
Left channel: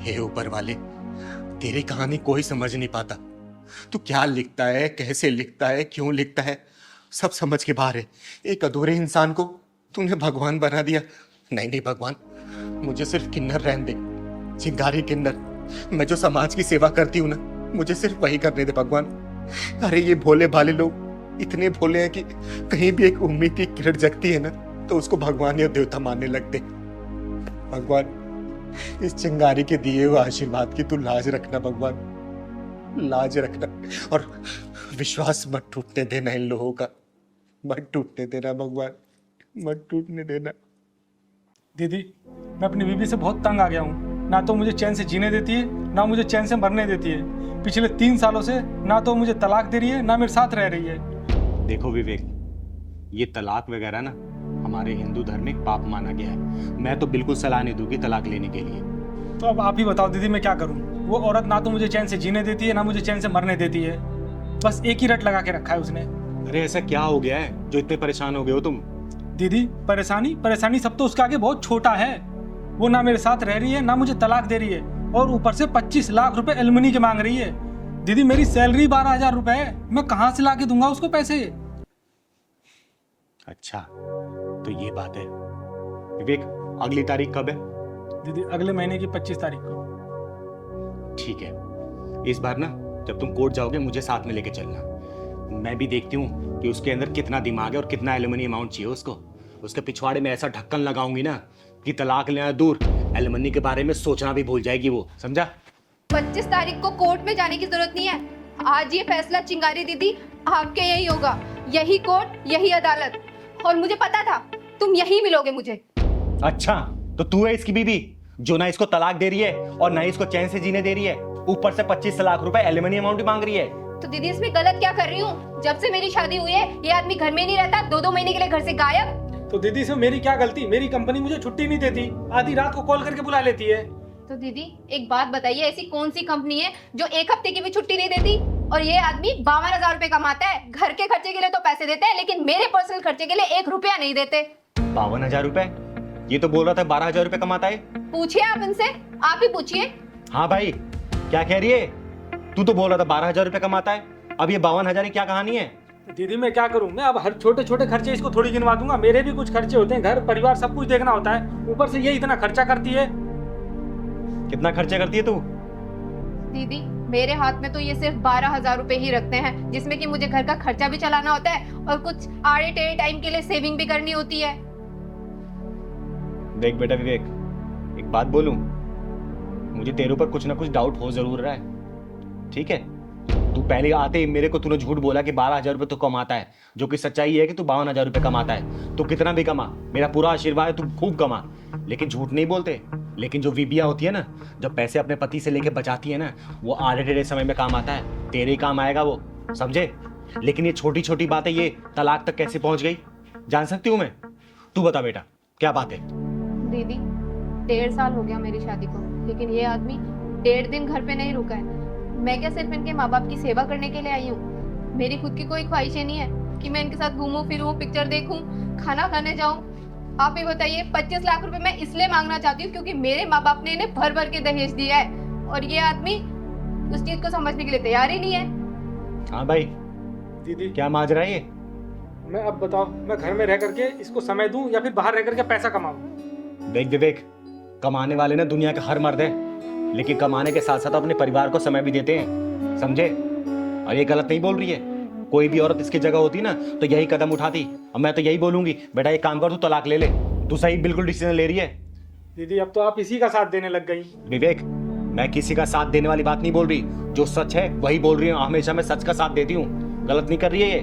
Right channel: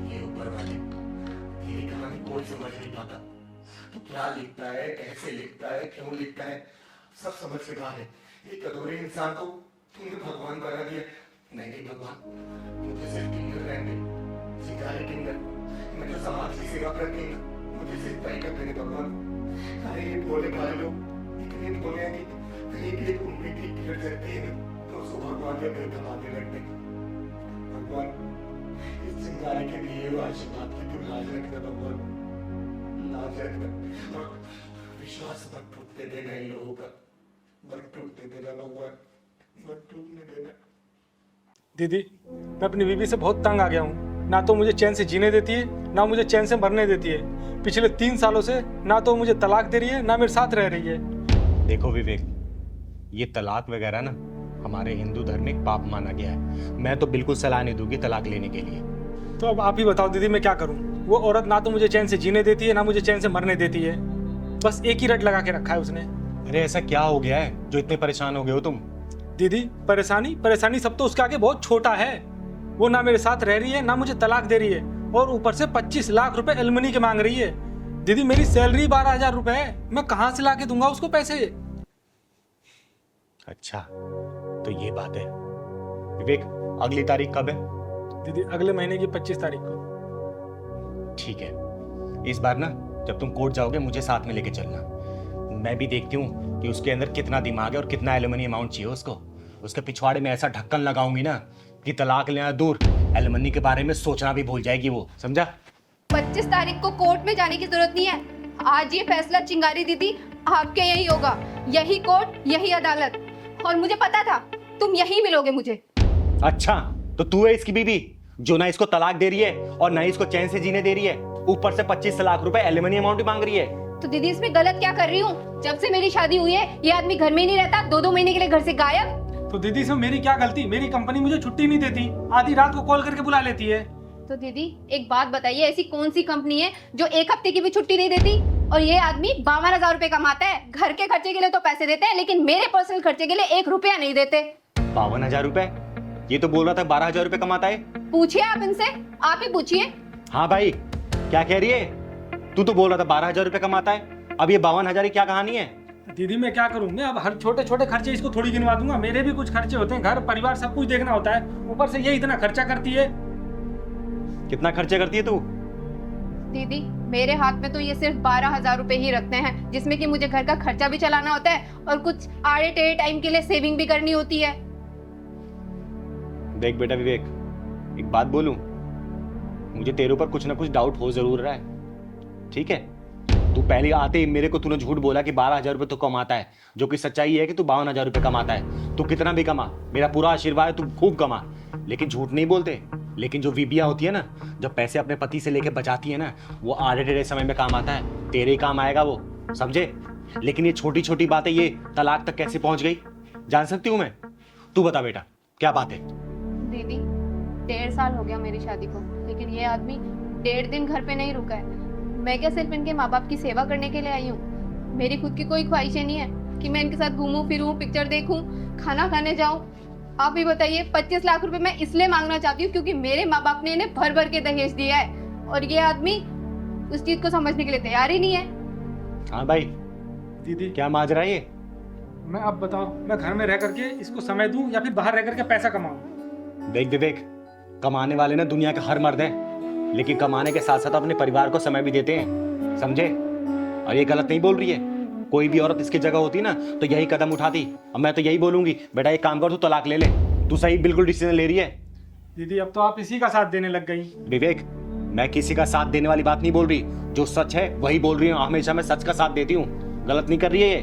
हे ऊपर वाले, तेरी कहानी कोई समझ नहीं पाता। तू क्या लिखता है, कैसे लिखता है, क्यों लिखता है, सब समझ के बाहर है। एक अधूरे इंसान को तूने भगवान बना दिया। नहीं भगवान, मुझे सिर्फ किन्नर रहने दे, चिंगारी किन्नर। मैं जो समाज की सेवा करती हूँ ना, मुझे सिर्फ वही करने दे भगवान। अरे ये भोले भाले लोग इतने भोले हैं कि कहीं भी एक उम्मीद की किरण जगती है ना, तो उसको भगवान या देवता मानने लगते। भगवान, इस चिंगारी के दिए हुए आशीर्वाद की तू लाज रखना भगवान, लाज रखना। और विश्वास मत टूटने देना इन लोगों का, मत टूटने देना भगवान, मत टूटने देना। दीदी, मैं अपनी बीवी से बहुत तंग आ गया हूँ। ना तो मुझे चैन से जीने देती है, ना मुझे चैन से मरने देती है। पिछले 3 सालों से ना तो मुझे तलाक दे रही है, ना मेरे साथ रह रही है। देखो विवेक, ये तलाक वगैरह ना हमारे हिंदू धर्म में पाप माना गया है। मैं तो बिल्कुल सलाह नहीं दूंगी तलाक लेने के लिए। तो अब आप ही बताओ दीदी, मैं क्या करूँ? वो औरत ना तो मुझे चैन से जीने देती है, ना मुझे चैन से मरने देती है। बस एक ही रट लगा के रखा है उसने। अरे ऐसा क्या हो गया है जो इतने परेशान हो गए हो तुम? दीदी, परेशानी सब तो उसके आगे बहुत छोटा है। वो ना मेरे साथ रह रही है, ना मुझे तलाक दे रही है, और ऊपर से 25 लाख रुपए एलमनी के मांग रही है। दीदी, मेरी सैलरी 12,000 रुपए है, मैं कहाँ से ला के दूंगा उसको पैसे? अच्छा, तो ये बात है। विवेक, अगली तारीख कब है? दीदी, अगले महीने की 25 तारीख को। ठीक है, इस बार ना जब तुम कोर्ट जाओगे मुझे साथ में लेके चलना। मैं भी देखती हूँ कि उसके अंदर कितना दिमाग है और कितना एलुमनी अमाउंट चाहिए उसको। उसके पिछवाड़े में ऐसा ढक्कन लगाऊंगी ना कि तलाक लेना दूर, एलुमनी के बारे में सोचना भी भूल जाएगी वो, समझा? 25 तारीख को कोर्ट में जाने की जरूरत नहीं है। आज ये फैसला चिंगारी दीदी आपके यही होगा, यही कोर्ट, यही अदालत। और मुझे पता था तुम यही मिलोगे मुझे। अच्छा, तो तू है इसकी बीवी जो ना इसको तलाक दे रही है और ना इसको चैन से जीने दे रही है, ऊपर से 25 लाख रुपए एलुमनी अमाउंट भी मांग रही है। तो दीदी, इसमें गलत क्या कर रही हूँ? जब से मेरी शादी हुई है ये आदमी घर में नहीं रहता, 2-2 महीने के लिए घर से गायब। तो दीदी, इसमें मेरी क्या गलती? मेरी कंपनी मुझे छुट्टी नहीं देती, आधी रात को कॉल करके बुला लेती है। तो दीदी, एक बात बताइए, ऐसी कौन सी कंपनी है जो 1 हफ्ते की भी छुट्टी नहीं देती? और ये आदमी 52,000 रुपए कमाता है। घर के खर्चे के लिए तो पैसे देते हैं, लेकिन मेरे पर्सनल खर्चे के लिए 1 रुपया नहीं देते। 52,000 रुपए? ये तो बोल रहा था 12,000 रुपए कमाता है। पूछिए आप इनसे, आप ही पूछिए। हाँ भाई, क्या कह रही है? तू तो बोल रहा था 12,000 रुपए कमाता है, अब ये 52,000 की क्या कहानी है? दीदी मैं क्या करूं? मैं अब हर छोटे छोटे खर्चे इसको थोड़ी गिनवा दूंगा। मेरे भी कुछ खर्चे होते हैं, घर परिवार सब कुछ देखना होता है। ऊपर से ये इतना खर्चा करती है। कितना खर्चा करती है तू? दीदी मेरे हाथ में तो ये सिर्फ 12,000 रुपए ही रखते हैं, जिसमें कि मुझे घर का खर्चा भी चलाना होता है और कुछ आड़े टेढ़े टाइम के लिए सेविंग भी करनी होती है। देख बेटा विवेक, एक बात बोलूं, मुझे तेरे ऊपर कुछ ना कुछ डाउट हो जरूर रहा है, ठीक है? तू पहले आते ही मेरे को तूने झूठ बोला कि 12,000 रुपये तू कमाता है, जो कि सच्चाई है कि तू 52,000 रुपये कमाता है। तू कितना भी कमा, मेरा पूरा आशीर्वाद है, तू खूब कमा, लेकिन झूठ नहीं बोलते। लेकिन जो बीबियाँ होती है ना, जब पैसे अपने पति से लेके बचाती है ना, वो आधे टेढ़े समय में काम आता है, तेरे ही काम आएगा वो, समझे? लेकिन ये छोटी छोटी बातें, ये तलाक तक कैसे पहुंच गई, जान सकती हूँ मैं? तू बता बेटा, क्या बात है? दीदी 1.5 साल हो गया मेरी शादी को, लेकिन ये आदमी 1.5 दिन घर पे नहीं रुका है। मैं क्या सिर्फ इनके माँ बाप की सेवा करने के लिए आई हूँ? मेरी खुद की कोई ख्वाहिशें नहीं है कि मैं इनके साथ घूमूं फिरूं, पिक्चर देखूं, खाना खाने जाऊं। आप भी बताइए, 25 लाख रुपए मैं इसलिए मांगना चाहती हूँ क्योंकि मेरे माँ बाप ने इन्हें भर भर के दहेज दिया है और ये आदमी उस चीज को समझने के लिए तैयार ही नहीं है। हाँ भाई, दीदी क्या माजरा है ये? मैं अब बताओ, मैं घर में रह करके इसको समय दूं या फिर बाहर रह करके पैसा कमाऊं? देख विवेक, कमाने वाले ना दुनिया के हर मर्द है, लेकिन कमाने के साथ साथ अपने परिवार को समय भी देते हैं, समझे? और ये गलत नहीं बोल रही है। कोई भी औरत इसकी जगह होती ना तो यही कदम उठाती। अब मैं तो यही बोलूंगी, बेटा एक काम कर, तू तलाक ले ले। तू सही बिल्कुल डिसीजन ले रही है। दीदी अब तो आप इसी का साथ देने लग गई। विवेक, मैं किसी का साथ देने वाली बात नहीं बोल रही, जो सच है वही बोल रही हूँ। हमेशा मैं सच का साथ देती हूँ, गलत नहीं कर रही है ये।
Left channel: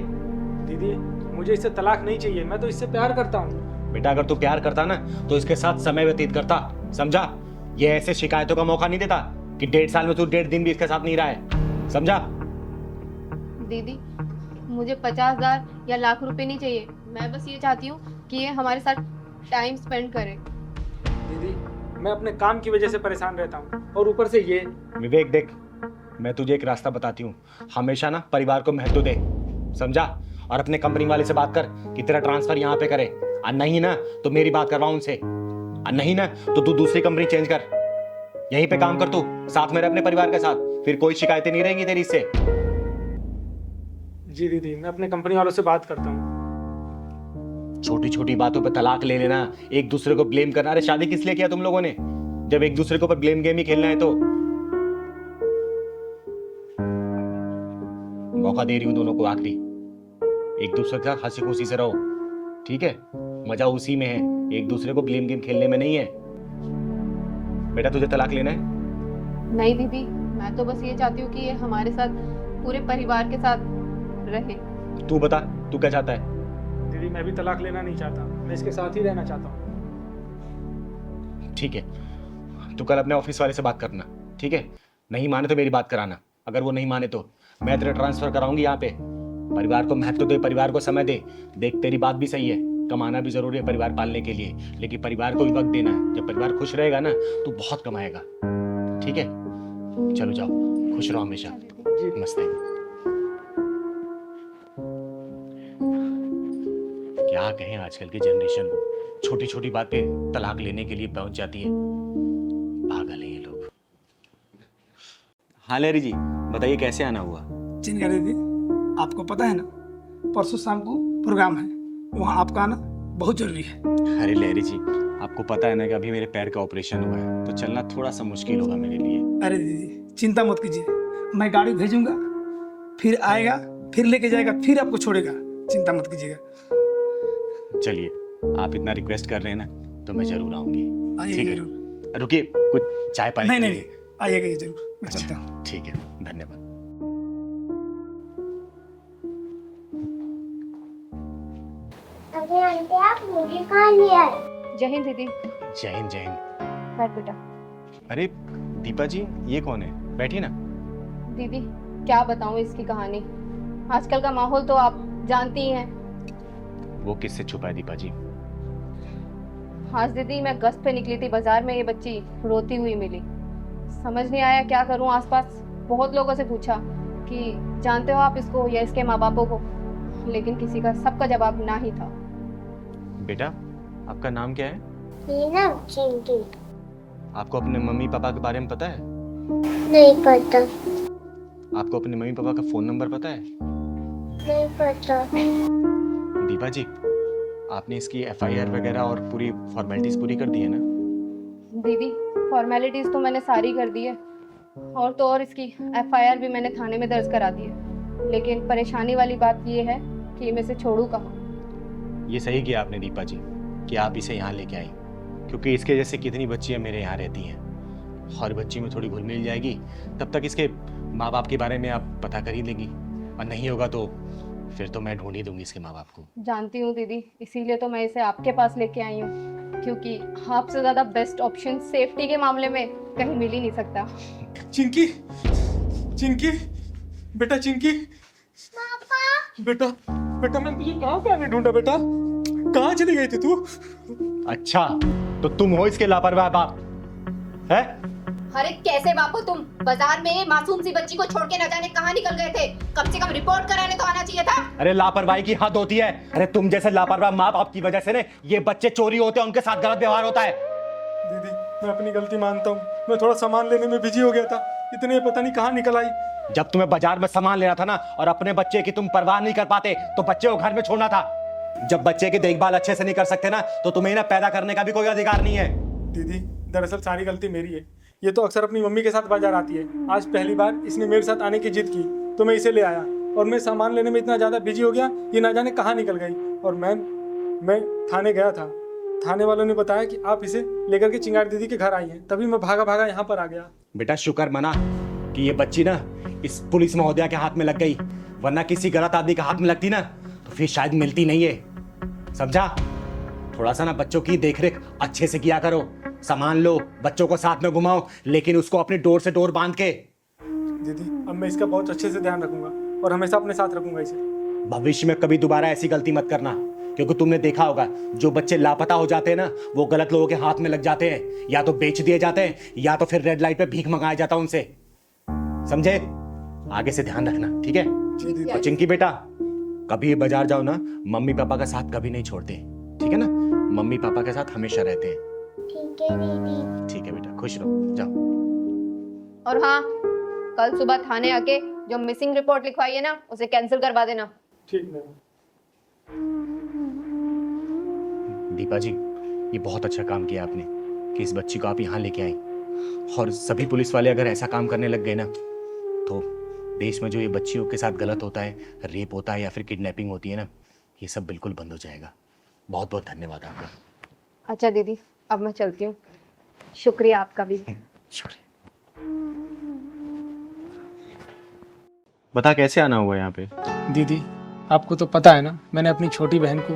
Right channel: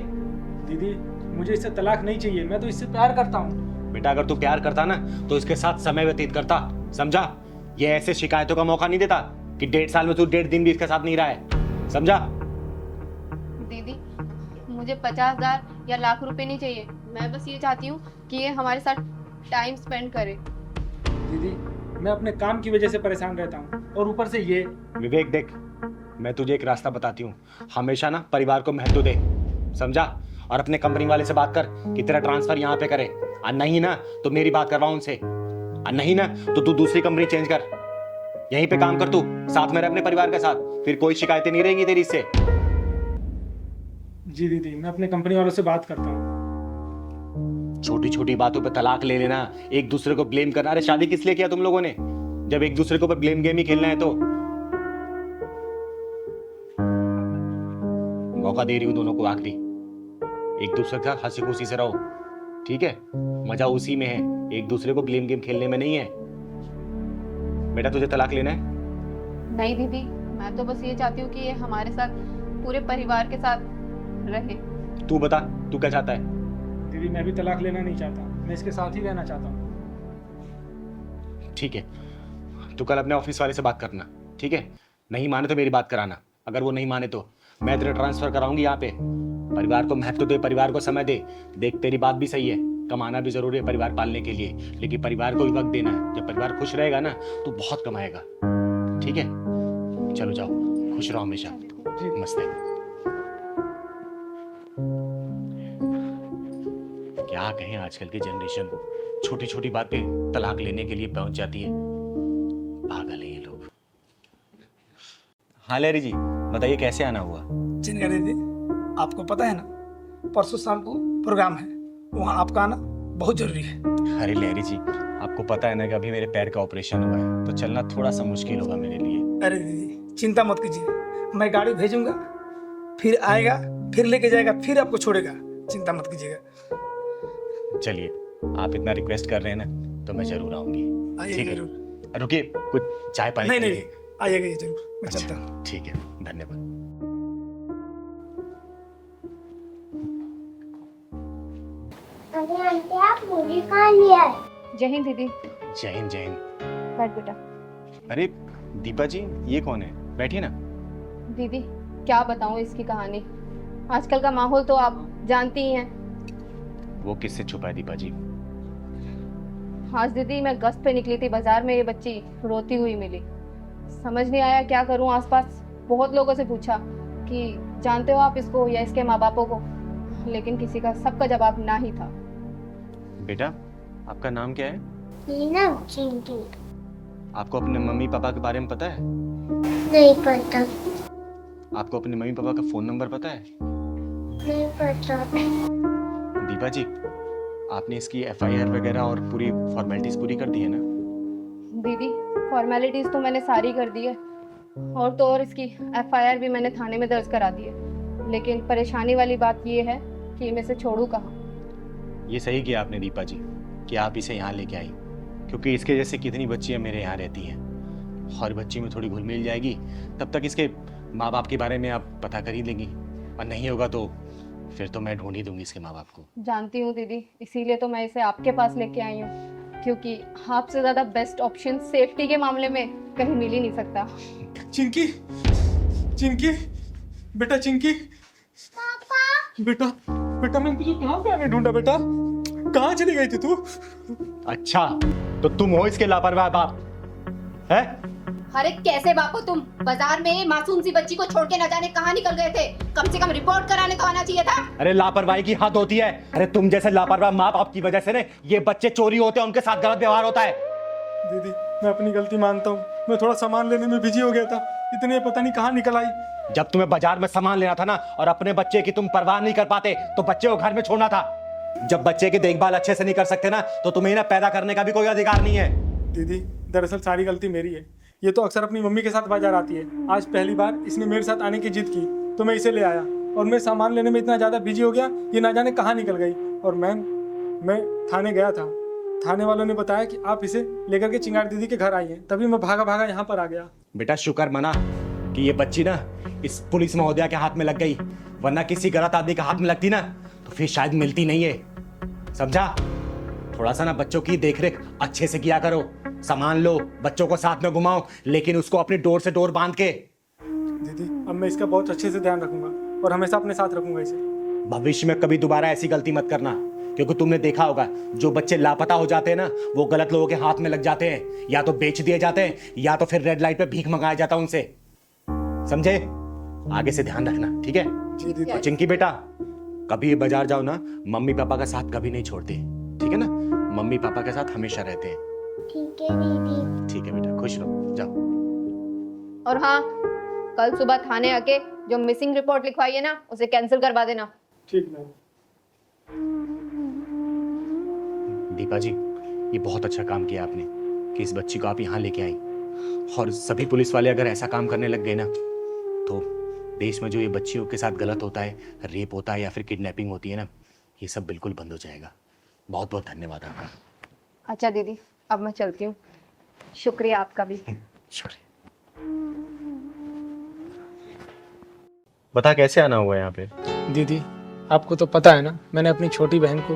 दीदी मुझे इससे तलाक नहीं चाहिए, मैं तो इससे प्यार करता हूँ। बेटा अगर तू प्यार करता ना तो इसके साथ समय व्यतीत करता, समझा? ये ऐसे शिकायतों का मौका नहीं देता कि 1.5 साल में तू 1.5 दिन भी इसके साथ नहीं रहा है, समझा? दीदी मुझे 50,000 या लाख रुपए नहीं चाहिए, मैं बस ये चाहती हूँ कि ये हमारे साथ टाइम स्पेंड करे। दीदी मैं अपने काम की वजह से परेशान रहता हूँ और ऊपर से ये। विवेक देख, मैं तुझे एक रास्ता बताती हूँ, हमेशा ना परिवार को महत्व दे, समझा? और अपने कंपनी वाले से बात कर कि तेरा ट्रांसफर यहाँ पे करे, और नहीं ना तो मेरी बात करवा उनसे, और नहीं ना तो तू दूसरी कंपनी चेंज कर, यहीं पे काम कर तू, साथ में रह अपने परिवार के साथ, फिर कोई शिकायतें नहीं रहेंगी तेरी इससे। जी दीदी मैं अपने कंपनी वालों से बात करता हूँ। छोटी छोटी बातों पे तलाक ले लेना, एक दूसरे को ब्लेम करना। अरे शादी किस लिए किया तुम लोगों ने, जब एक दूसरे को ब्लेम गेम ही खेलना है? तो मौका दे रही हूं दोनों को आखिरी, एक दूसरे के साथ हंसी खुशी से रहो, ठीक है? मजा उसी में है, एक दूसरे को ब्लेम गेम खेलने में नहीं है। बेटा तुझे तलाक लेना है? नहीं दीदी, मैं तो बस ये चाहती हूँ कि ये हमारे साथ पूरे परिवार के साथ रहे। तू बता, तू क्या चाहता है? दीदी मैं भी तलाक लेना नहीं चाहता, मैं इसके साथ ही रहना चाहता हूँ। ठीक है, तू कल अपने ऑफिस वाले से बात करना, ठीक है? नहीं माने तो मेरी बात कराना, अगर वो नहीं माने तो मैं तेरा ट्रांसफर कराऊंगी यहाँ पे। परिवार को महत्व दे, परिवार को समय दे। देख तेरी बात भी सही है, कमाना भी जरूरी है परिवार पालने के लिए, लेकिन परिवार को भी वक्त देना है। जब परिवार खुश रहेगा ना तो बहुत कमाएगा, ठीक है? चलो जाओ, खुश रहो हमेशा। जी नमस्ते। क्या कहें आजकल की जनरेशन को, छोटी छोटी बात पे तलाक लेने के लिए पहुंच जाती है, पागल है ये लोग। हाँ लहरी जी बताइए, कैसे आना हुआ? चिन्ह दीदी, आपको पता है ना परसों शाम को प्रोग्राम है, वहाँ आपका आना बहुत जरूरी है। अरे लहरी जी, आपको पता है ना कि अभी मेरे पैर का ऑपरेशन हुआ है, तो चलना थोड़ा सा मुश्किल होगा मेरे लिए। अरे दीदी चिंता मत कीजिए, मैं गाड़ी भेजूंगा, फिर आएगा, फिर लेके जाएगा, फिर आपको छोड़ेगा, चिंता मत कीजिएगा। चलिए, आप इतना रिक्वेस्ट कर रहे हैं ना तो मैं जरूर आऊंगी, ठीक है? जरूर। रुकिए, कुछ चाय पानी नहीं पी नहीं, लीजिए। आइएगा ये जरूर, मैं चलता हूँ। अच्छा ठीक है, धन्यवाद। जय हिंद दीदी। जय हिंद जय हिंद। बैठ बेटा। अरे दीपा जी, ये कौन है? बैठिए ना। दीदी क्या बताऊं इसकी कहानी, आजकल का माहौल तो आप जानती ही हैं। वो किससे छुपा है दीपा जी? आज दीदी मैं गश्त पे निकली थी बाजार में, ये बच्ची रोती हुई मिली, समझ नहीं आया क्या करूं। आसपास बहुत लोगों से पूछा कि जानते हो आप इसको या इसके माँ बापों को, लेकिन किसी का सबका जवाब ना ही था। बेटा आपका नाम क्या है? चिंकी। आपको अपने मम्मी पापा के बारे में पता है? नहीं पता। आपको अपने मम्मी पापा का फोन नंबर पता है? नहीं पता। दीपा जी, आपने इसकी एफआईआर वगैरह और पूरी फॉर्मेलिटीज पूरी कर दी है ना? दीदी फॉर्मेलिटीज तो मैंने सारी कर दी है, और तो और इसकी एफआईआर भी मैंने थाने में दर्ज करा दी है, लेकिन परेशानी वाली बात ये है कि मैं इसे छोड़ू कहाँ। ये सही किया आपने दीपा जी कि आप इसे यहाँ लेके आई, क्योंकि इसके जैसे कितनी बच्चियाँ मेरे यहाँ रहती हैं। हर बच्ची में थोड़ी घुल मिल जाएगी, तब तक इसके माँ बाप के बारे में आप पता कर ही लेंगी, और नहीं होगा तो फिर तो मैं ढूंढ ही दूंगी इसके माँ बाप को। जानती हूँ दीदी, इसीलिए तो मैं इसे आपके पास लेके आई हूँ, क्योंकि आपसे ज़्यादा बेस्ट ऑप्शन सेफ्टी के मामले में कहीं मिल ही नहीं सकता। चिंकी, चिंकी, बेटा चिंकी, पापा बेटा, बेटा मैं तुझे कहाँ पे आने ढूंढा बेटा? कहाँ चली गई थी तू? अच्छा, तो तुम हो इसके लापरवाह बाप है? अरे कैसे बापू तुम बाजार में मासूम सी बच्ची को छोड़ के न जाने कहाँ निकल रहे थे? कम से कम रिपोर्ट कराने तो आना चाहिए था। अरे लापरवाही की हद होती है। अरे तुम जैसे लापरवाह माँ बाप की वजह से ना ये बच्चे चोरी होते हैं, उनके साथ गलत व्यवहार होता है। दीदी मैं अपनी गलती मानता हूँ, मैं थोड़ा सामान लेने में बिजी हो गया था, इतने पता नहीं कहाँ निकल आई। जब तुम्हें बाजार में सामान लेना था ना और अपने बच्चे की तुम परवाह नहीं कर पाते तो बच्चे को घर में छोड़ना था। जब बच्चे की देखभाल अच्छे से नहीं कर सकते ना तो तुम्हें ना पैदा करने का भी कोई अधिकार नहीं है। दीदी दरअसल सारी गलती मेरी है, ये तो अक्सर अपनी मम्मी के साथ बाजार आती है। आज पहली बार इसने मेरे साथ आने की जिद की तो मैं इसे ले आया, और मैं सामान लेने में इतना ज्यादा बिजी हो गया ये ना जाने कहाँ निकल गई। और मैं थाने गया था, थाने वालों ने बताया कि आप इसे लेकर के चिंगारी दीदी के घर आइए, तभी मैं भागा भागा यहाँ पर आ गया। बेटा शुक्र मना कि ये बच्ची ना इस पुलिस महोदया के हाथ में लग गई, वरना किसी गलत आदमी के हाथ में लगती ना तो फिर शायद मिलती नहीं है। समझा? थोड़ा सा ना बच्चों की देखरेख अच्छे से किया करो, सामान लो, बच्चों को साथ में घुमाओ, लेकिन उसको अपनी डोर से डोर बांध के। अब मैं इसका बहुत अच्छे से ध्यान रखूंगा और हमेशा अपने साथ रखूंगा इसे। भविष्य में कभी दोबारा ऐसी गलती मत करना, क्योंकि तुमने देखा होगा जो बच्चे लापता हो जाते हैं ना वो गलत लोगों के हाथ में लग जाते हैं, या तो बेच दिए जाते हैं या तो फिर रेड लाइट पे भीख मंगाया जाता है उनसे। समझे? आगे से ध्यान रखना, ठीक है? और चिंकी बेटा, कभी बाजार जाओ ना मम्मी पापा का साथ कभी नहीं छोड़ते, ठीक है ना? मम्मी पापा के साथ हमेशा रहते हैं। ठीक है। ठीक है बेटा, खुश रहो, जाओ। और हाँ, कल सुबह थाने आके जो मिसिंग रिपोर्ट लिखवाई है ना उसे कैंसिल करवा देना। ठीक मैम। दीपा जी, ये बहुत अच्छा काम किया आपने कि इस बच्ची को आप यहाँ लेके आई, और सभी पुलिस वाले अगर ऐसा काम करने लग गए ना तो देश में जो ये बच्चियों के साथ गलत होता है, रेप होता है या फिर किडनैपिंग होती है ना, ये सब बिल्कुल बंद हो जाएगा। बहुत बहुत धन्यवाद आपका। अच्छा दीदी, अब मैं चलती हूँ, शुक्रिया आपका भी। शुक्रिया। बता कैसे आना हुआ यहाँ पे? दीदी आपको तो पता है ना मैंने अपनी छोटी बहन को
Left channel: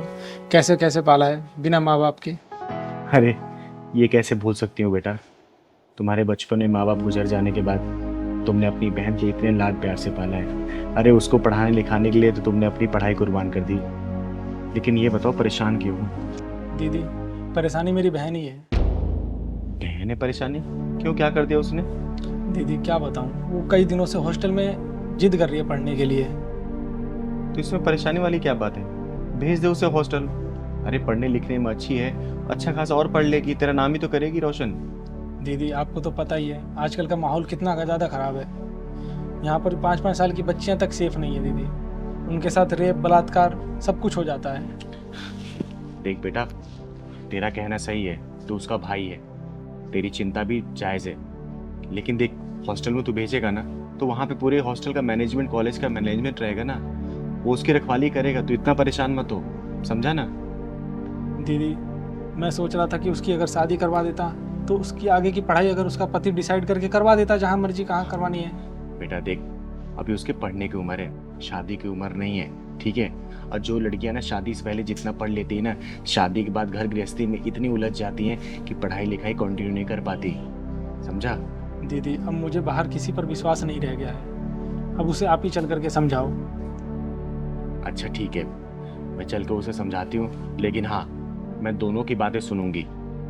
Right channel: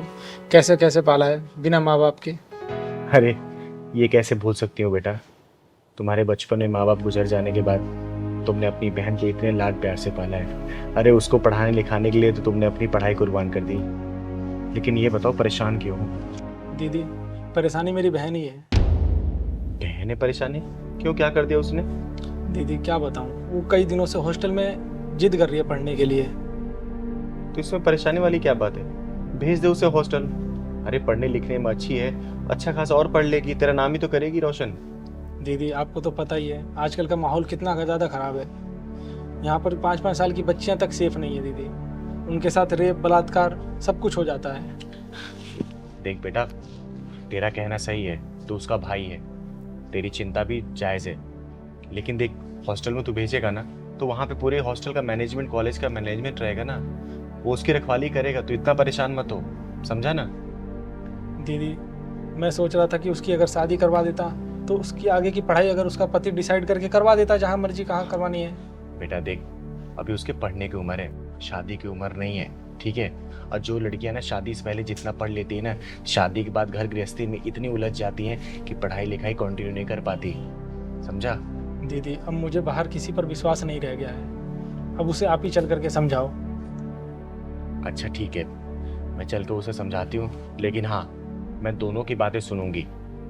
कैसे कैसे पाला है बिना माँ बाप के। अरे ये कैसे भूल सकती हो बेटा, तुम्हारे बचपन में माँ बाप गुजर जाने के बाद तुमने अपनी बहन के इतने लाड प्यार से पाला है। अरे उसको पढ़ाने लिखाने के लिए तो तुमने अपनी पढ़ाई कुर्बान कर दी, लेकिन ये बताओ परेशान क्यों? दीदी परेशानी मेरी बहन ही है। बहन है परेशानी? क्यों, क्या कर दिया उसने? दीदी क्या बताऊँ, वो कई दिनों से हॉस्टल में जिद कर रही है पढ़ने के लिए। तो इसमें परेशानी वाली क्या बात है? भेज दे उसे हॉस्टल। अरे पढ़ने लिखने में अच्छी है, अच्छा खासा और पढ़ लेगी, तेरा नाम ही तो करेगी रोशन। दीदी आपको तो पता ही है आजकल का माहौल कितना ज़्यादा ख़राब है। यहाँ पर 5-5 साल की बच्चियाँ तक सेफ नहीं है दीदी, उनके साथ रेप बलात्कार सब कुछ हो जाता है। देख बेटा, तेरा कहना सही है, तू उसका भाई है, तेरी चिंता भी जायज़ है, लेकिन देख हॉस्टल में तू भेजेगा ना तो वहाँ पे पूरे हॉस्टल का मैनेजमेंट, कॉलेज का मैनेजमेंट रहेगा ना, वो उसकी रखवाली करेगा। तू इतना परेशान मत हो, समझा ना? दीदी मैं सोच रहा था कि उसकी अगर शादी करवा देता तो उसकी आगे की पढ़ाई अगर उसका पति डिसाइड करके करवा देता, जहाँ मर्जी कहाँ करवानी है। बेटा देख, अभी उसके पढ़ने की उम्र है, शादी की उम्र नहीं है, ठीक है? और जो लड़कियां ना शादी से पहले जितना पढ़ लेती है ना, शादी के बाद घर गृहस्थी में इतनी उलझ जाती हैं कि पढ़ाई लिखाई कंटिन्यू नहीं कर पाती, समझा? दीदी अब मुझे बाहर किसी पर विश्वास नहीं रह गया है, अब उसे आप ही चल करके समझाओ। अच्छा ठीक है, मैं चल कर उसे समझाती हूँ, लेकिन हाँ मैं दोनों की बातें सुनूंगी।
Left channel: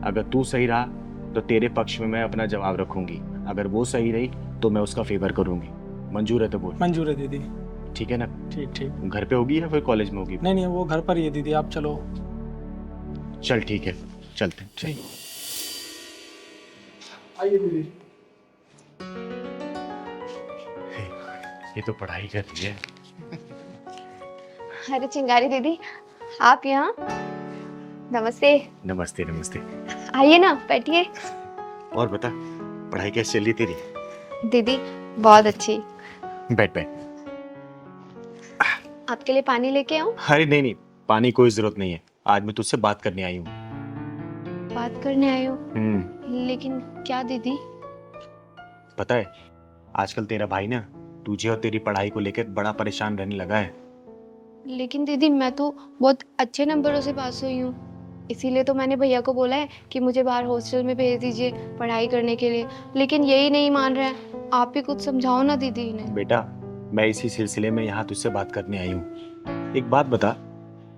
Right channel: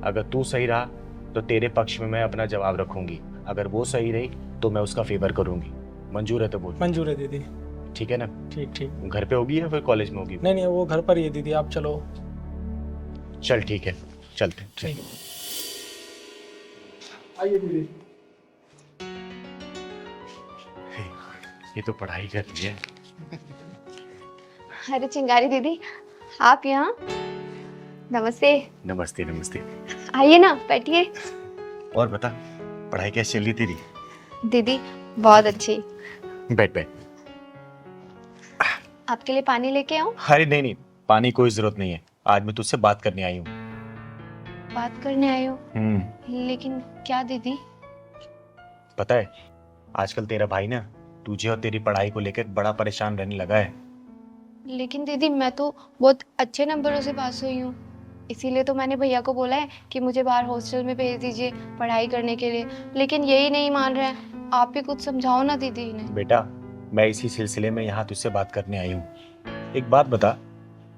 अगर तू सही रहा तो तेरे पक्ष में मैं अपना जवाब रखूंगी, अगर वो सही रही तो मैं उसका फेवर करूंगी। मंजूर है तो बोल। मंजूर है दीदी। ठीक है ना? ठीक ठीक। घर पे होगी या फिर कॉलेज में होगी? नहीं नहीं वो घर पर ही है दीदी, आप चलो। चल ठीक है, चल। ठीक। आइए दीदी। ये तो पढ़ाई कर रही है। अरे चिंगारी दीदी, आप यहाँ? नमस्ते। नमस्ते नमस्ते। आइए ना, बैठिए। और बता, पढ़ाई कैसी चल रही तेरी? दीदी बहुत अच्छी। बैठ बैठ। आपके लिए पानी लेके आऊं? अरे नहीं नहीं, पानी की कोई जरूरत नहीं है। आज मैं तुझसे बात करने आई हूँ। बात करने आए हो? लेकिन क्या दीदी? पता है, आजकल तेरा भाई ना तुझे और तेरी पढ़ाई को लेकर बड़ा परेशान रहने लगा है। लेकिन दीदी मैं तो बहुत अच्छे नंबरों से पास हुई हूँ, इसीलिए तो मैंने भैया को बोला है कि मुझे बाहर हॉस्टल में भेज दीजिए पढ़ाई करने के लिए, लेकिन यही नहीं मान रहे हैं। आप ही कुछ समझाओ ना दीदी इन्हें। बेटा, मैं इसी सिलसिले में यहाँ तुझसे बात करने आई हूँ। एक बात बता,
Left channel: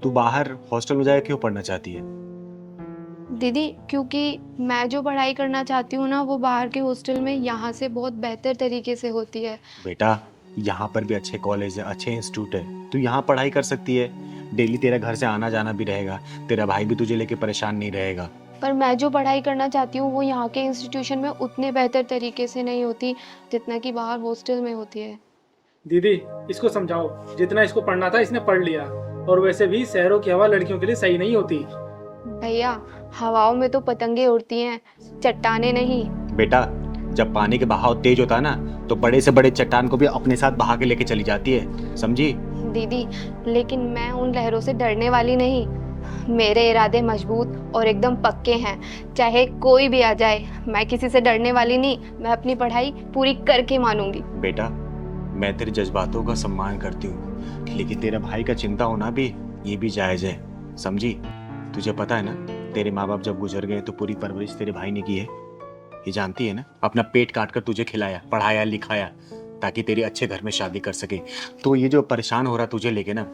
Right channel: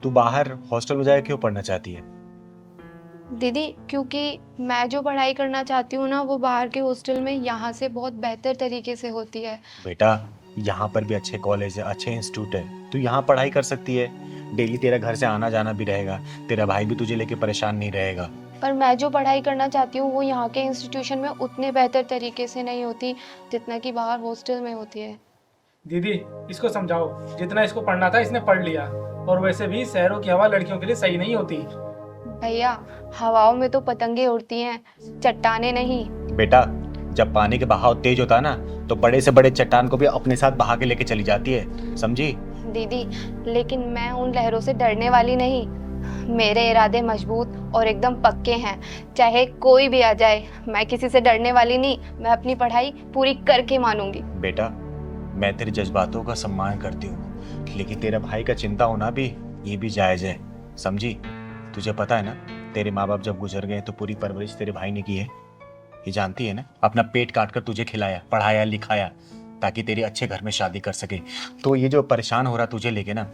तू बाहर हॉस्टल में जाकर क्यों पढ़ना चाहती है? दीदी क्योंकि मैं जो पढ़ाई करना चाहती हूँ ना, वो बाहर के हॉस्टल में यहाँ से बहुत बेहतर तरीके से होती है। बेटा, यहाँ पर भी अच्छे कॉलेज है, अच्छे इंस्टीट्यूट है, तू यहाँ पढ़ाई कर सकती है। डेली तेरा घर से आना जाना भी रहेगा, तेरा भाई भी तुझे लेके परेशान नहीं रहेगा। पर मैं जो पढ़ाई करना चाहती हूँ वो यहाँ के इंस्टीट्यूशन में उतने बेहतर तरीके से नहीं होती जितना कि बाहर हॉस्टल में होती है। दीदी इसको समझाओ, जितना इसको पढ़ना था इसने पढ़ लिया, और वैसे भी शहरों की हवा लड़कियों के लिए सही नहीं होती। भैया, हवाओं में तो पतंगे उड़ती हैं, चट्टाने नहीं। बेटा, जब पानी के बहाव तेज होता है ना, तो बड़े से बड़े चट्टान को भी अपने साथ बहा के लेके चली जाती है, समझी? दीदी लेकिन मैं उन लहरों से डरने वाली नहीं, मेरे इरादे मजबूत और एकदम पक्के हैं। चाहे कोई भी आ जाए, मैं किसी से डरने वाली नहीं, मैं अपनी पढ़ाई पूरी करके मानूंगी। बेटा, मैं तेरे जज्बातों का सम्मान करती हूँ, लेकिन तेरे भाई का चिंता होना भी ये भी जायज है, समझी? तुझे पता है ना, तेरे माँ बाप जब गुजर गए तो पूरी परवरिश तेरे भाई ने की है, ये जानती है ना? अपना पेट काट कर तुझे खिलाया, पढ़ाया, लिखाया, ताकि तेरी अच्छे घर में शादी कर सके। तो ये जो परेशान हो रहा तुझे लेके ना,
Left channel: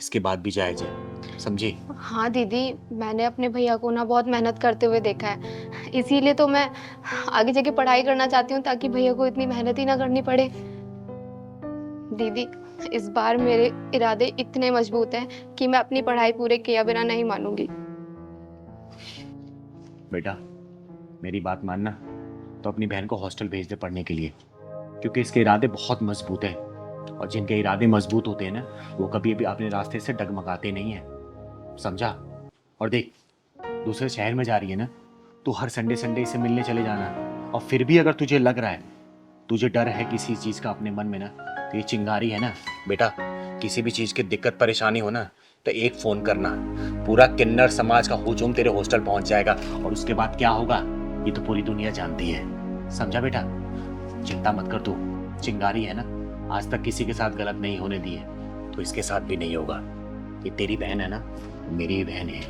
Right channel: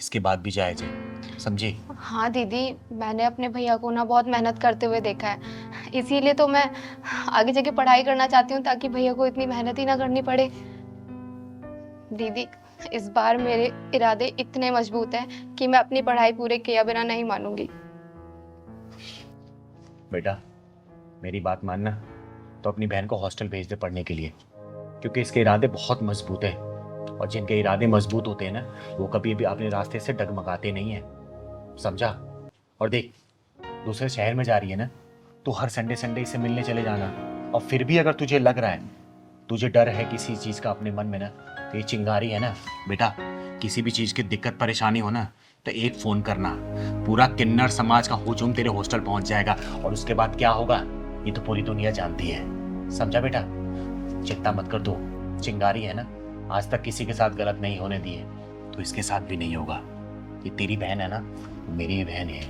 इसके बाद भी जायज है, समझी? हाँ दीदी, मैंने अपने भैया को ना बहुत मेहनत करते हुए देखा है, इसीलिए तो मैं आगे जाके पढ़ाई करना चाहती हूँ ताकि भैया को इतनी मेहनत ही ना करनी पड़े। दीदी इस बार मेरे इरादे इतने मजबूत हैं कि मैं अपनी पढ़ाई पूरे किया बिना नहीं मानूंगी। बेटा, मेरी बात मानना, तो अपनी बहन को हॉस्टल भेज दे पढ़ने के लिए, क्योंकि इसके इरादे बहुत मजबूत है, और जिनके इरादे मजबूत होते हैं ना, वो कभी भी अपने रास्ते से डगमगाते नहीं है, समझा? और देख, दूसरे शहर में जा रही है ना, तो हर संडे संडे इसे मिलने चले जाना। और फिर भी अगर तुझे लग रहा है, तुझे डर है किसी चीज का अपने मन में ना, तो ये चिंगारी है ना बेटा, किसी भी चीज की दिक्कत परेशानी हो ना, तो एक फोन करना, पूरा किन्नर समाज का हुजूम तेरे हॉस्टल पहुंच जाएगा, और उसके बाद क्या होगा ये तो पूरी दुनिया जानती है, समझा बेटा? चिंता मत कर, तू चिंगारी है ना, आज तक किसी के साथ गलत नहीं होने दी है, तो इसके साथ भी नहीं होगा। ये तेरी बहन है ना, मेरी बहन है,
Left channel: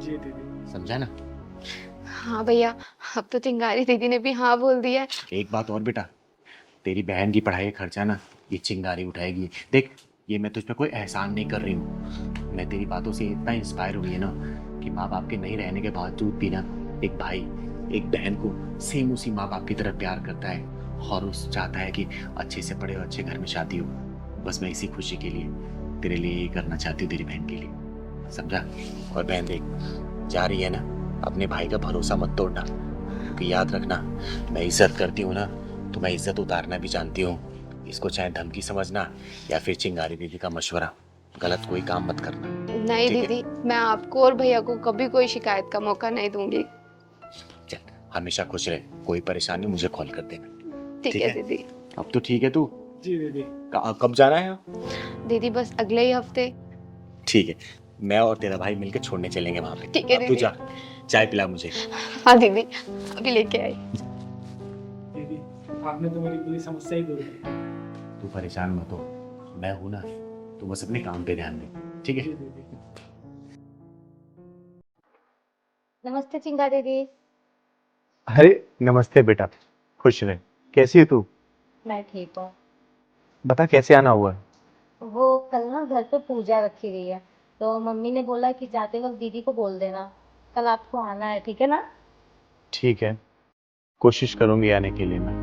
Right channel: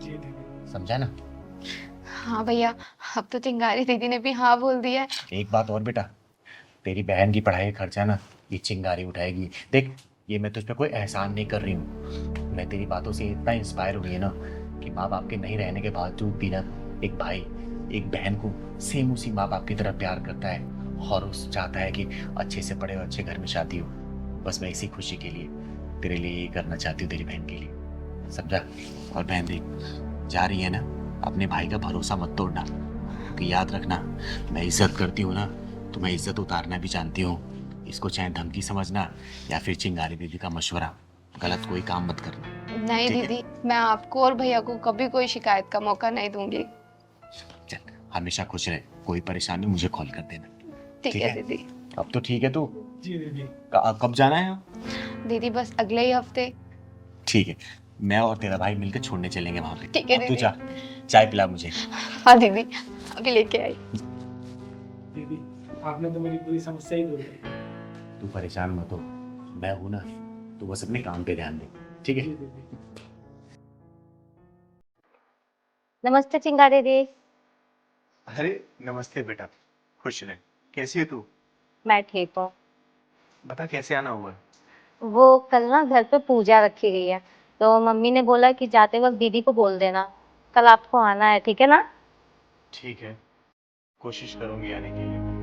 जी दीदी। समझा ना? हाँ भैया, अब तो चिंगारी दीदी ने भी हाँ बोल दिया है। एक बात और बेटा, तेरी बहन की पढ़ाई का खर्चा ना ये चिंगारी उठाएगी। देख, ये मैं तुझ पे कोई एहसान नहीं कर रही हूँ, मैं तेरी बातों से इतना इंस्पायर हुई है ना कि माँ बाप के नहीं रहने के बावजूद भी ना एक भाई एक बहन को सेम उसी माँ बाप की तरह प्यार करता है, और उस चाहता है कि अच्छे से पढ़े और अच्छे घर में शादी हो। बस मैं इसी खुशी के लिए तेरे लिए ये करना चाहती हूँ, तेरी बहन के लिए, समझा? और बहन देख, जा रही है ना, अपने भाई का भरोसा मत तोड़ना, कि याद रखना, मैं इज्जत करती हूँ ना, तो मैं इज्जत उतारना भी जानती हूँ। इसको चाहे धमकी समझना या फिर चिंगारी दीदी का मशवरा, गलत कोई काम मत करना। नहीं ठीक है? दीदी, मैं आपको और भैया को कभी कोई शिकायत का मौका नहीं दूंगी। चल, हमेशा खुश रहे, कोई परेशानी मुझे कॉल कर देना। ठीक है दीदी। अब तो ठीक है तू? जी दीदी। कब जाना है? दीदी बस अगले ही हफ्ते। ठीक है, मैं और तेरा भाई मिलकर छोड़ने चलेंगे वहां पे। ठीक है अब तू दीदी। जा, चाय पिला मुझे। हाँ दीदी, अभी लेके आई। आपने तो मेरी पूरी समस्या ही दूर की। तू पहचान हो, मैं हूं ना, मुझसे नहीं कहते रहना, ठीक है? नमस्ते चिंगारी दी। अरे नमस्ते बेटा, खुश रहे। कैसी है तू? मैं ठीक हूँ। बता कैसे आना हुआ? वो कल ना घर पे पूजा रखी गई है, तो मम्मी ने बोला कि जाते वक्त दीदी को बोल देना कल आपको आना है, ठीक है ना? ठीक है, कोशिश करूंगी आने के लिए मैं।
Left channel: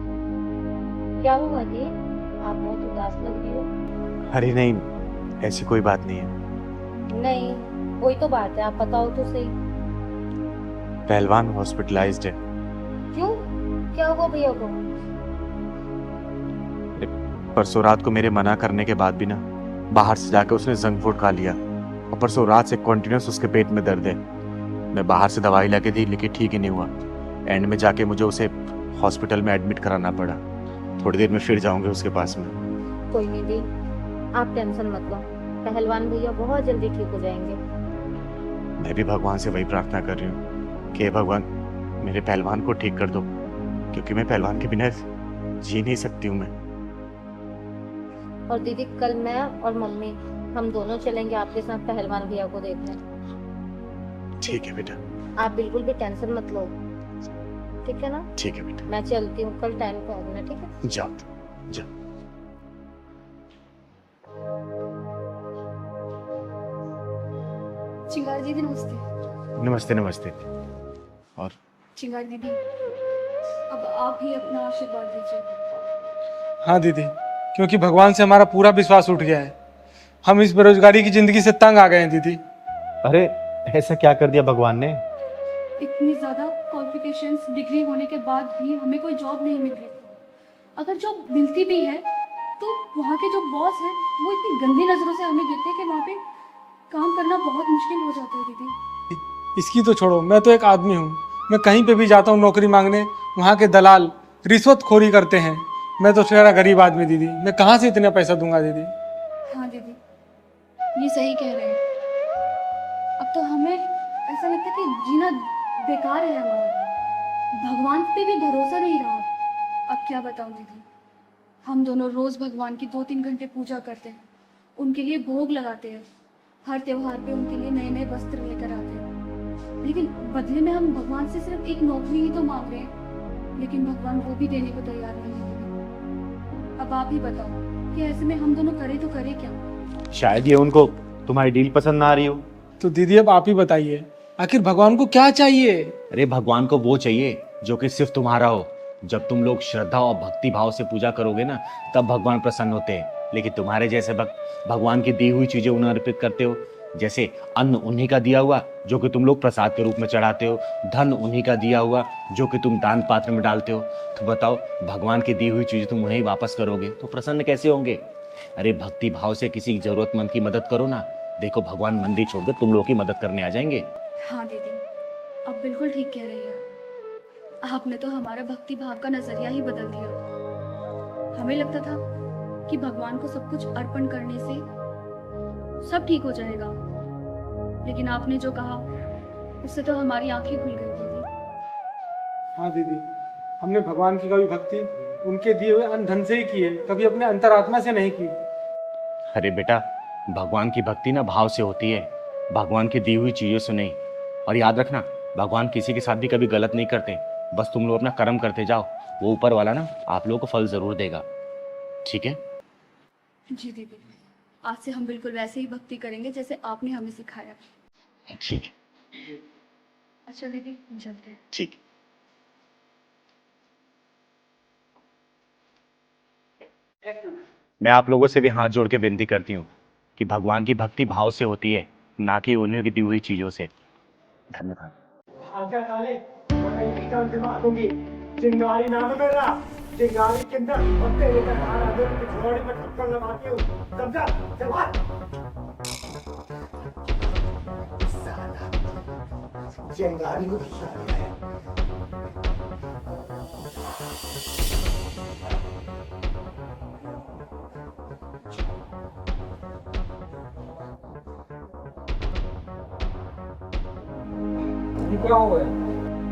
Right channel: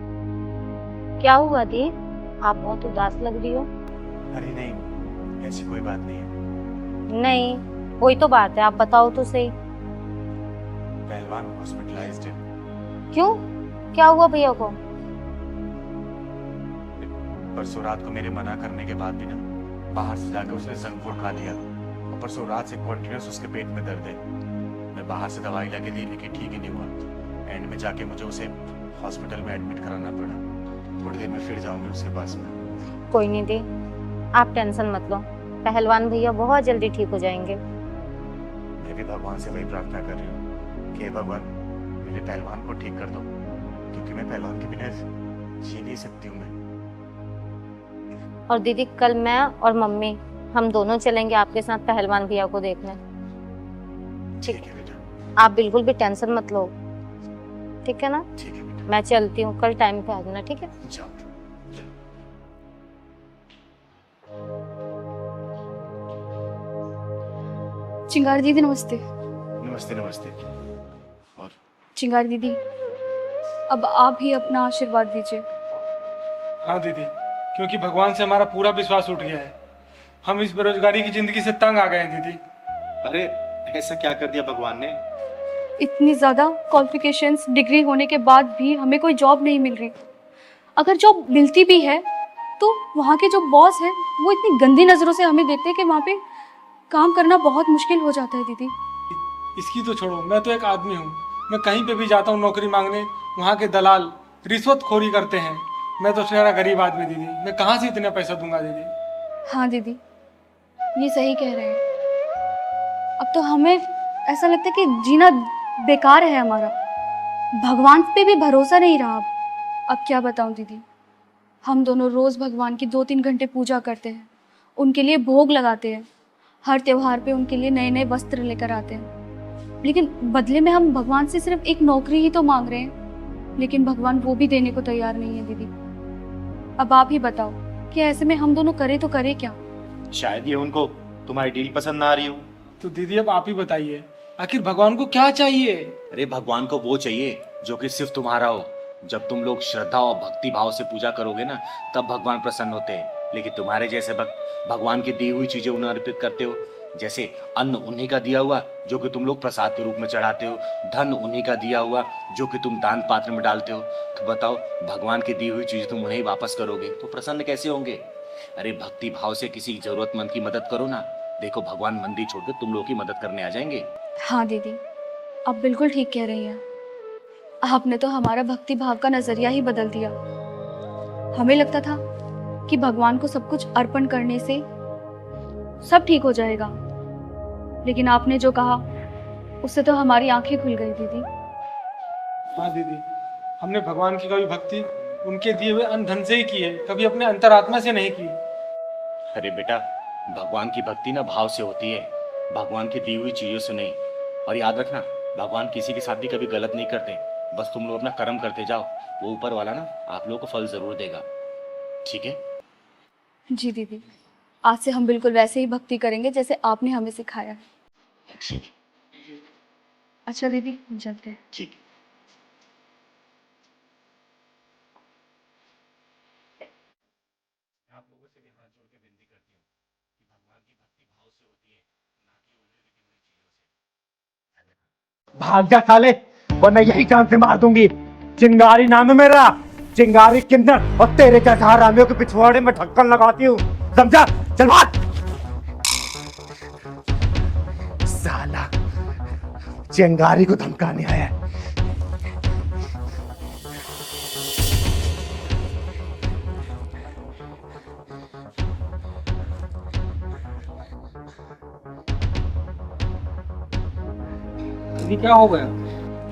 क्या हुआ दी, आप बहुत उदास लग रही हो। अरे नहीं, ऐसी कोई बात नहीं है। नहीं, कोई तो बात है, आप बताओ तो सही। पहलवान हॉस्पिटलाइज्ड है। क्यों, क्या हुआ भैया को? परसों रात को मेरे मना करने के बाद भी ना बाहर से जाके उसने जंक फूड खा लिया और परसों रात से कॉन्टिन्यूस उसके पेट में दर्द है। मैं बाहर से दवाई लाके दी लेकिन ठीक ही नहीं हुआ। एंड में जाके मुझे उसे हॉस्पिटल में एडमिट कराना पड़ा। थोड़ी देर में फिर जाऊंगे उसके पास में। कोई नहीं दी, आप टेंशन मत लो, पहलवान भैया बहुत जल्दी ठीक हो जाएंगे। मैं भी भगवान से वही प्रार्थना कर रही हूँ कि हे भगवान मेरे पहलवान को ठीक कर दो, क्योंकि मैं पहलवान के बिना जी नहीं सकती हूँ मैं। और दीदी कल मैं और मम्मी हम दोनों चलेंगे आपके साथ पहलवान भैया को देखने। ठीक है बेटा। आप बिल्कुल भी टेंशन मत लो, ठीक है ना? ठीक है बेटा। मैं चलती हूँ, कल टाइम पे आ जाना, ठीक है? जाओ जाओ। चिंगारी दीदी नमस्ते। नमस्ते नमस्ते। और चिंगारी दीदी, अब आप ही अपना आशीर्वाद दीजिए। हाँ दीदी, क्योंकि भगवान से हमारा पूरा विश्वास उठ गया है। हम इस बेरोजगारी की जिंदगी से तंग आ गए हैं दीदी। अरे ऐसा क्या कर दिया भगवान ने? इतनी ज़्यादा क्वालिफिकेशंस डिग्री होने के बाद भी हमें कोई जॉब नहीं मिल रही। अगर जॉब मिलती भी है तो वहाँ के जो बॉस हैं वो इतनी गंदी नज़रों से हमें देखते हैं कि वहाँ पे काम करना बहुत मुश्किल हो जाता है दीदी। इसकी तो छोड़ो, मैं तो एक आदमी हूँ। मैं कहीं पे भी जाता हूँ नौकरी मांगने, वहाँ के दलाल रिश्वतखोरी करते हैं। मैं तो शेरा गरीब आदमी दीदी, मैं कहाँ से इतना पैसा दूंगा दीदी? हाँ दीदी, ये सही कह रहे हैं। अब तो हमें ऐसा लगता है कि जीना बेकार है हमारा। भगवान पे भी भरोसा नहीं रहा अब क्या बताऊं दीदी। हम दोनों रोज भगवान की 2-3 घंटे पूजा करते हैं, उनके लिए भोग लगाते हैं, हर त्योहार पे उनके लिए नए नए वस्त्र लेकर आते हैं, लेकिन बदले में हम भगवान से सिर्फ एक नौकरी ही तो मांग रहे हैं, लेकिन भगवान वो भी देने को तैयार नहीं है दीदी। अब आप ही बताओ कि ऐसे में हम दोनों करें तो करें क्या? शायद ये उनको तुम्हारी डील पसंद ना आ रही हो। तो दीदी अब आप ही बताइए, आखिर भगवान को क्या चाहिए? अरे भगवान को वो चाहिए जो कि सिर्फ तुम्हारा हो। जब तुम लोग श्रद्धा और भक्ति भाव से पूजा करोगे ना, तब भगवान प्रसन्न होते हैं। लेकिन तुम्हारे जैसे भक्त भगवान की दी हुई चीजें उन्हें अर्पित करते हो, जैसे अन्न उन्हीं का दिया हुआ जो कि तुम लोग प्रसाद के रूप में चढ़ाते हो, धन उन्हीं का दिया हुआ जो कि तुम दान पात्र में डालते हो। तो बताओ, भगवान की दी हुई चीज तुम उन्हें वापस करोगे तो प्रसन्न कैसे होंगे? अरे भक्ति भाव से किसी जरूरतमंद की मदद करो ना। देखो भगवान मंदिर छोड़कर तुम लोग की मदद करने आ जाएंगे। हाँ दीदी, आप बिल्कुल ठीक कह रही हैं। आपने तो हमारा भक्ति भाव का नजरिया ही बदल दिया। हमें लगता था कि भगवान को सब कुछ अर्पण करने से सब ठीक हो जाएगा, लेकिन आपने जो कहा उससे तो हमारी आंखें खुल गई दीदी। हाँ दीदी, हमने भगवान की कभी भक्ति उनके दिए हुए अन्न धन से ही की है, कभी अपने अंतरात्मा से नहीं की। अरे बेटा, भगवान की भक्ति ना भाव से होती है, भगवान की दी हुई चीजों से नहीं। और याद रखना, भगवान किसी के साथ भी कभी गलत नहीं करते। बस तुम लोग अपना कर्म करते जाओ, वो ऊपर वाला ना आप लोगों को फल जरूर देगा। ठीक है? जी दीदी, आज से हम बिल्कुल वैसे ही भक्ति करेंगे जैसे आपने हमें सिखाया। ठीक अच्छा दीदी, हम चलते हैं। ठीक। मैं आप लोगों से भी हाथ जोड़ के विनती करती हूँ कि भगवान की भक्ति भाव से होती है, ना कि उन्हीं की दी हुई चीजों से। धन्यवाद। भाग जा साले, वरना यही जान से मार दूंगी। चिंगारी नाम है मेरा, चिंगारी किन्नर, और तेरे जैसा हरामियों के पिछवाड़े में ढक्कन लगाती हूँ, समझा? चल भाग। साला चिंगारी को धमकाने आया है। क्या हो गया?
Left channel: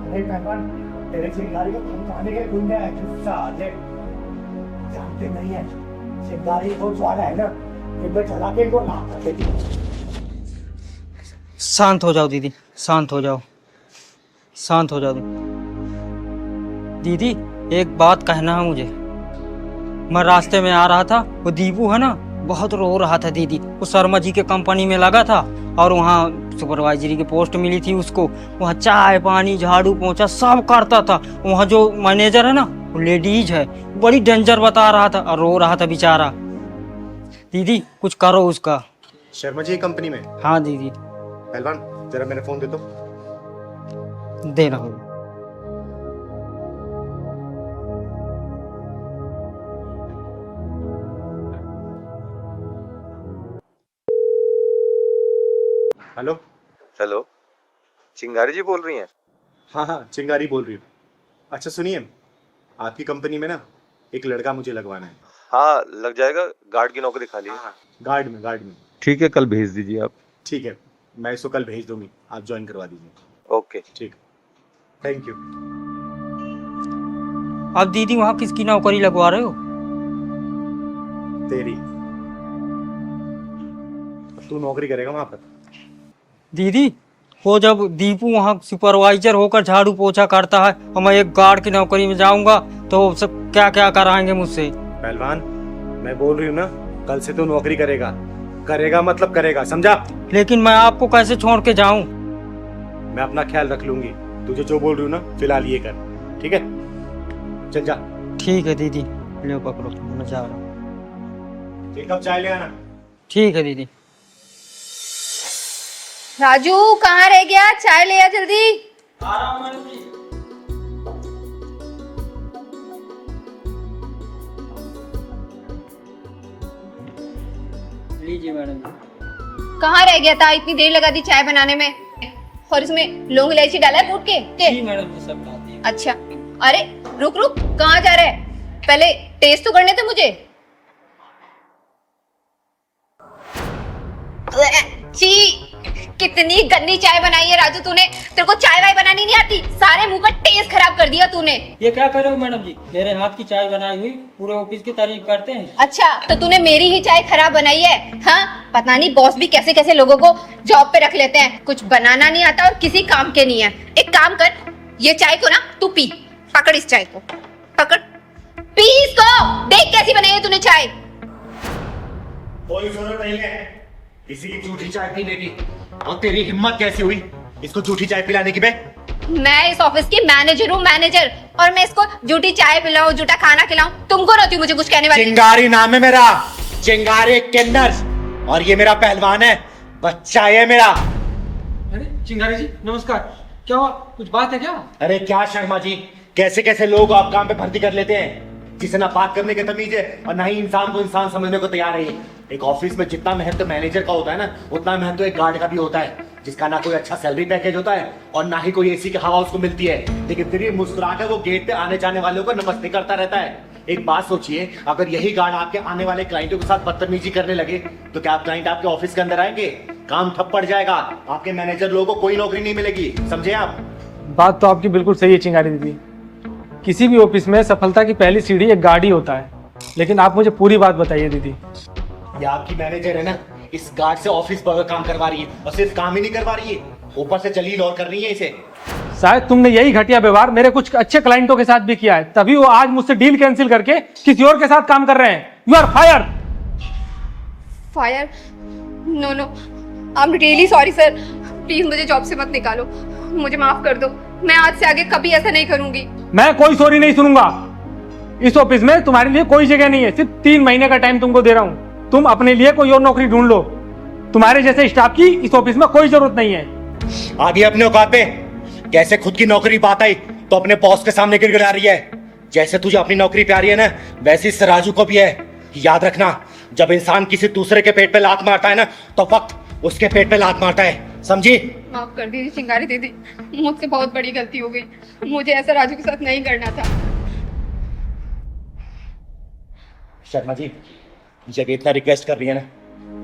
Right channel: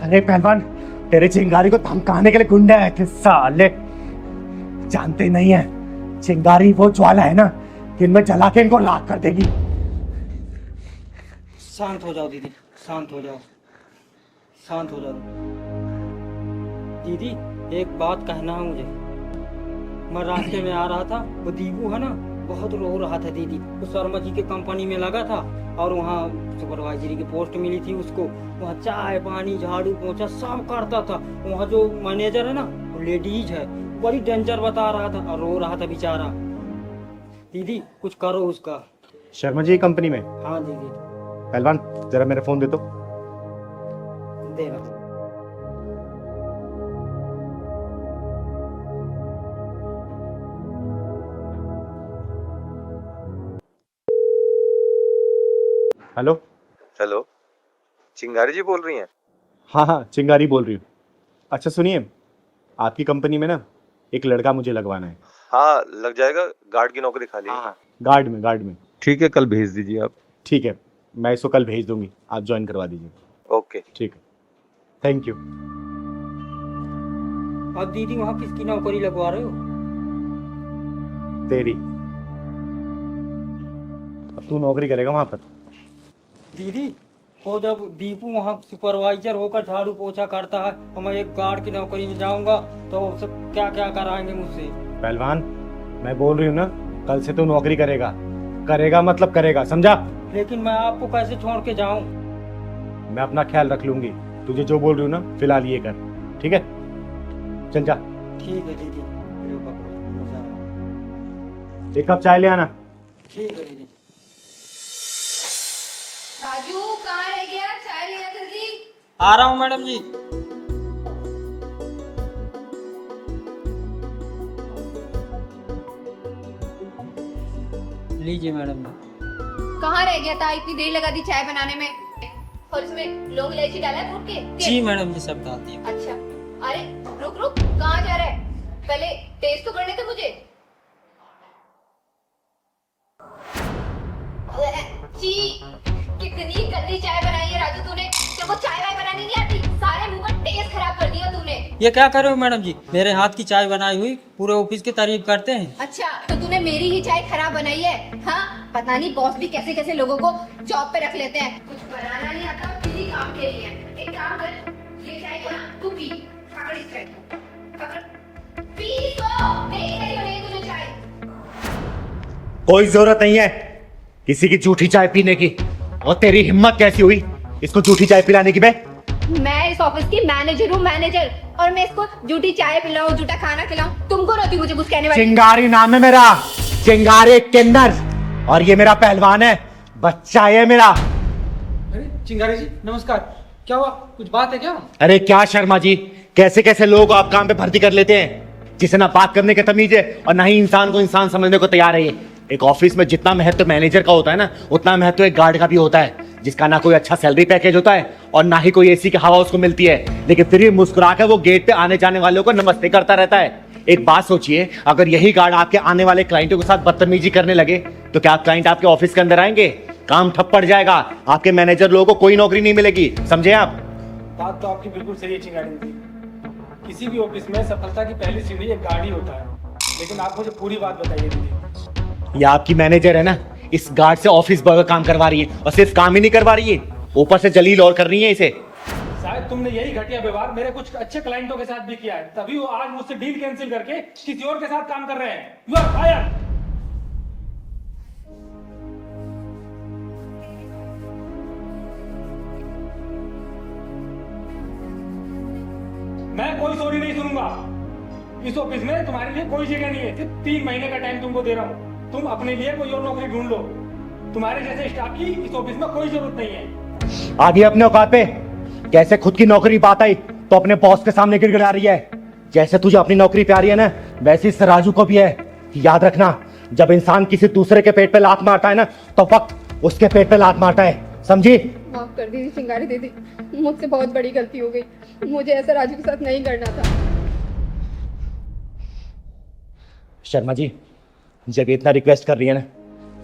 अरे पहलवान, तेरे चिंगारी को धमकाने के लिए गुंडे आए थे साले। जानते नहीं है, चिंगारी वो ज्वाला है ना, जिनमें जला के इनको लाख कर देगी। शांत हो जाओ दीदी, शांत हो जाओ, शांत हो जाओ दीदी। एक बात कहना है मुझे। मैं रास्ते में आ रहा था, वो दीपू है ना, बहुत रो रहा था दीदी। वो शर्मा जी के कंपनी में लगा था और वहाँ सुपरवाइजरी की पोस्ट मिली थी उसको। वहाँ चाय पानी झाड़ू पोंछा सब करता था। वहाँ जो मैनेजर है ना, वो लेडीज है, बड़ी डेंजर बता रहा था और रो रहा था बेचारा। दीदी कुछ करो उसका। शर्मा जी कंपनी में? हाँ दीदी। पहलवान जरा मेरा फोन दे दो। दे रहा हूँ। हेलो। हेलो, चिंगारी जी बोल रही हैं? हाँ हाँ, चिंगारी बोल रही हूँ। अच्छा सुनिए, आपकी कंपनी में ना एक लड़का मुझे लगवाना है। हाँ, लग जाएगा। गार्ड की नौकरी खाली है। गार्ड में। ठीक है, कल भेज दीजिए आप। ठीक है, मैं इसको कल भेज दूंगी, आप ज्वाइन करवा दीजिए। ओके। ठीक है, थैंक यू। अब दीदी वहाँ किसकी नौकरी लगवा रहे हो? तेरी। अब तू नौकरी करेगा वहाँ पर। दीदी वो जब दीपू वहाँ सुपरवाइजर होकर झाड़ू पोछा करता है और मैं एक गार्ड की नौकरी में जाऊंगा तो सब क्या क्या कराएंगे मुझसे? पहलवान, मैं बोल रही हूँ ना, कल से तू नौकरी करेगा। करेगा मतलब करेगा, समझा? लेकिन मैं आपको कैसे छोड़ के जाऊं? मैं अपना ख्याल रख लूंगी। तुझे जो बोल रही हूँ ना, फिलहाल ये कर, ठीक है? चल जा। ठीक है दीदी, ले पकड़ो, मैं जा रहा हूँ। एक कप चाय ले आना। ठीक है दीदी। राजू कहाँ रह गया? चाय ले आ जल्दी। आ रहा हूँ मैडम जी। लीजिए मैडम जी। कहाँ रह गया था? इतनी देर लगा दी चाय बनाने में, और इसमें लौंग इलायची डाला है कूट के? जी मैडम जी, सब डाल दिया। अच्छा, अरे रुक रुक, कहाँ जा रहा है? पहले टेस्ट तो करने थे मुझे। छी, कितनी गंदी चाय बनाई है राजू तूने। तेरे को चाय वाय बनानी नहीं आती, सारे मुंह का टेस्ट खराब कर दिया तूने। ये क्या कर रहे हो मैडम जी? मेरे हाथ की चाय बनाई हुई पूरे ऑफिस की तारीफ करते हैं। अच्छा, तो तूने मेरी ही चाय खराब बनाई है? हाँ, पता नहीं बॉस भी कैसे कैसे लोगों को जॉब पे रख लेते हैं, कुछ बनाना नहीं आता और किसी काम के नहीं है। एक काम कर, ये चाय को ना तू पी, पकड़ इस चाय को, पकड़, पी इसको, देख कैसी बनाई है तूने चाय। कोई जरूरत नहीं है किसी की झूठी चाय पीने की। और तेरी हिम्मत कैसी हुई इसको झूठी चाय पिलाने की? मैं इस ऑफिस की मैनेजर हूँ, मैनेजर, और मैं इसको झूठी चाय पिलाऊं, झूठा खाना खिलाऊं? तुमको रहती हूँ मुझे कुछ कहने वाली? चिंगारी नाम है मेरा, चिंगारी किन्नर, और ये मेरा पहलवान है, बच्चा है मेरा। अरे चिंगारी जी नमस्कार, क्या हुआ? कुछ बात है क्या? अरे क्या शर्मा जी, कैसे कैसे लोग आप काम पे भर्ती कर लेते हैं, जिसे ना बात करने की तमीज है और ना ही इंसान को इंसान समझने को तैयार है। ये एक ऑफिस में जितना महत्व मैनेजर का होता है ना, उतना महत्व एक गार्ड का भी होता है, जिसका ना कोई अच्छा सैलरी पैकेज होता है और ना ही कोई एसी की हवा उसको मिलती है, लेकिन फिर भी मुस्कुराकर वो गेट पे आने जाने वालों को नमस्ते करता रहता है। एक बात सोचिए, अगर यही गार्ड आपके आने वाले क्लाइंटों के साथ बदतमीजी करने लगे तो क्या क्लाइंट आपके ऑफिस के अंदर आएंगे? काम ठप पड़ जाएगा, आपके मैनेजर लोगों को कोई नौकरी नहीं मिलेगी, समझे आप? बात तो आपकी बिल्कुल सही है चिंगारी दीदी। किसी भी ऑफिस में सफलता की पहली सीढ़ी एक गार्ड ही होता है। लेकिन आप मुझे पूरी बात बताइए दीदी। ये आपकी मैनेजर है ना, इस गार्ड से ऑफिस बर्गर काम करवा रही है, और सिर्फ काम ही नहीं करवा रही है, ऊपर से जलील और कर रही है इसे। शायद तुमने यही घटिया व्यवहार मेरे कुछ अच्छे क्लाइंटों के साथ भी किया है, तभी वो आज मुझसे डील कैंसिल करके किसी और के साथ काम कर रहे हैं। You are fire. Fire? No no, I am really sorry sir, please मुझे जॉब से मत निकालो, मुझे माफ कर दो, मैं आज से आगे कभी ऐसा नहीं करूंगी। मैं कोई सॉरी नहीं सुनूंगा। इस ऑफिस में तुम्हारे लिए कोई जगह नहीं है, सिर्फ 3 महीने का टाइम तुमको दे रहा हूँ। तुम अपने लिए कोई और नौकरी ढूंढ लो, तुम्हारे जैसे स्टाफ की इस ऑफिस में कोई जरूरत नहीं है। आगे अपने औकात पे, कैसे खुद की नौकरी बात आई तो अपने बॉस के सामने गिड़गिड़ा रही है। जैसे तुझे अपनी नौकरी प्यारी है ना, वैसे इस राजू को भी है। याद रखना, जब इंसान किसी दूसरे के पेट पे लात मारता है ना, तो वक्त उसके पेट पे लात मारता है, समझी? माफ कर दीजिए चिंगारी दीदी, मुझसे बहुत बड़ी गलती हो गई, मुझे ऐसा राजू के साथ नहीं करना था। शर्मा जी, जब इतना रिक्वेस्ट कर रही है ना,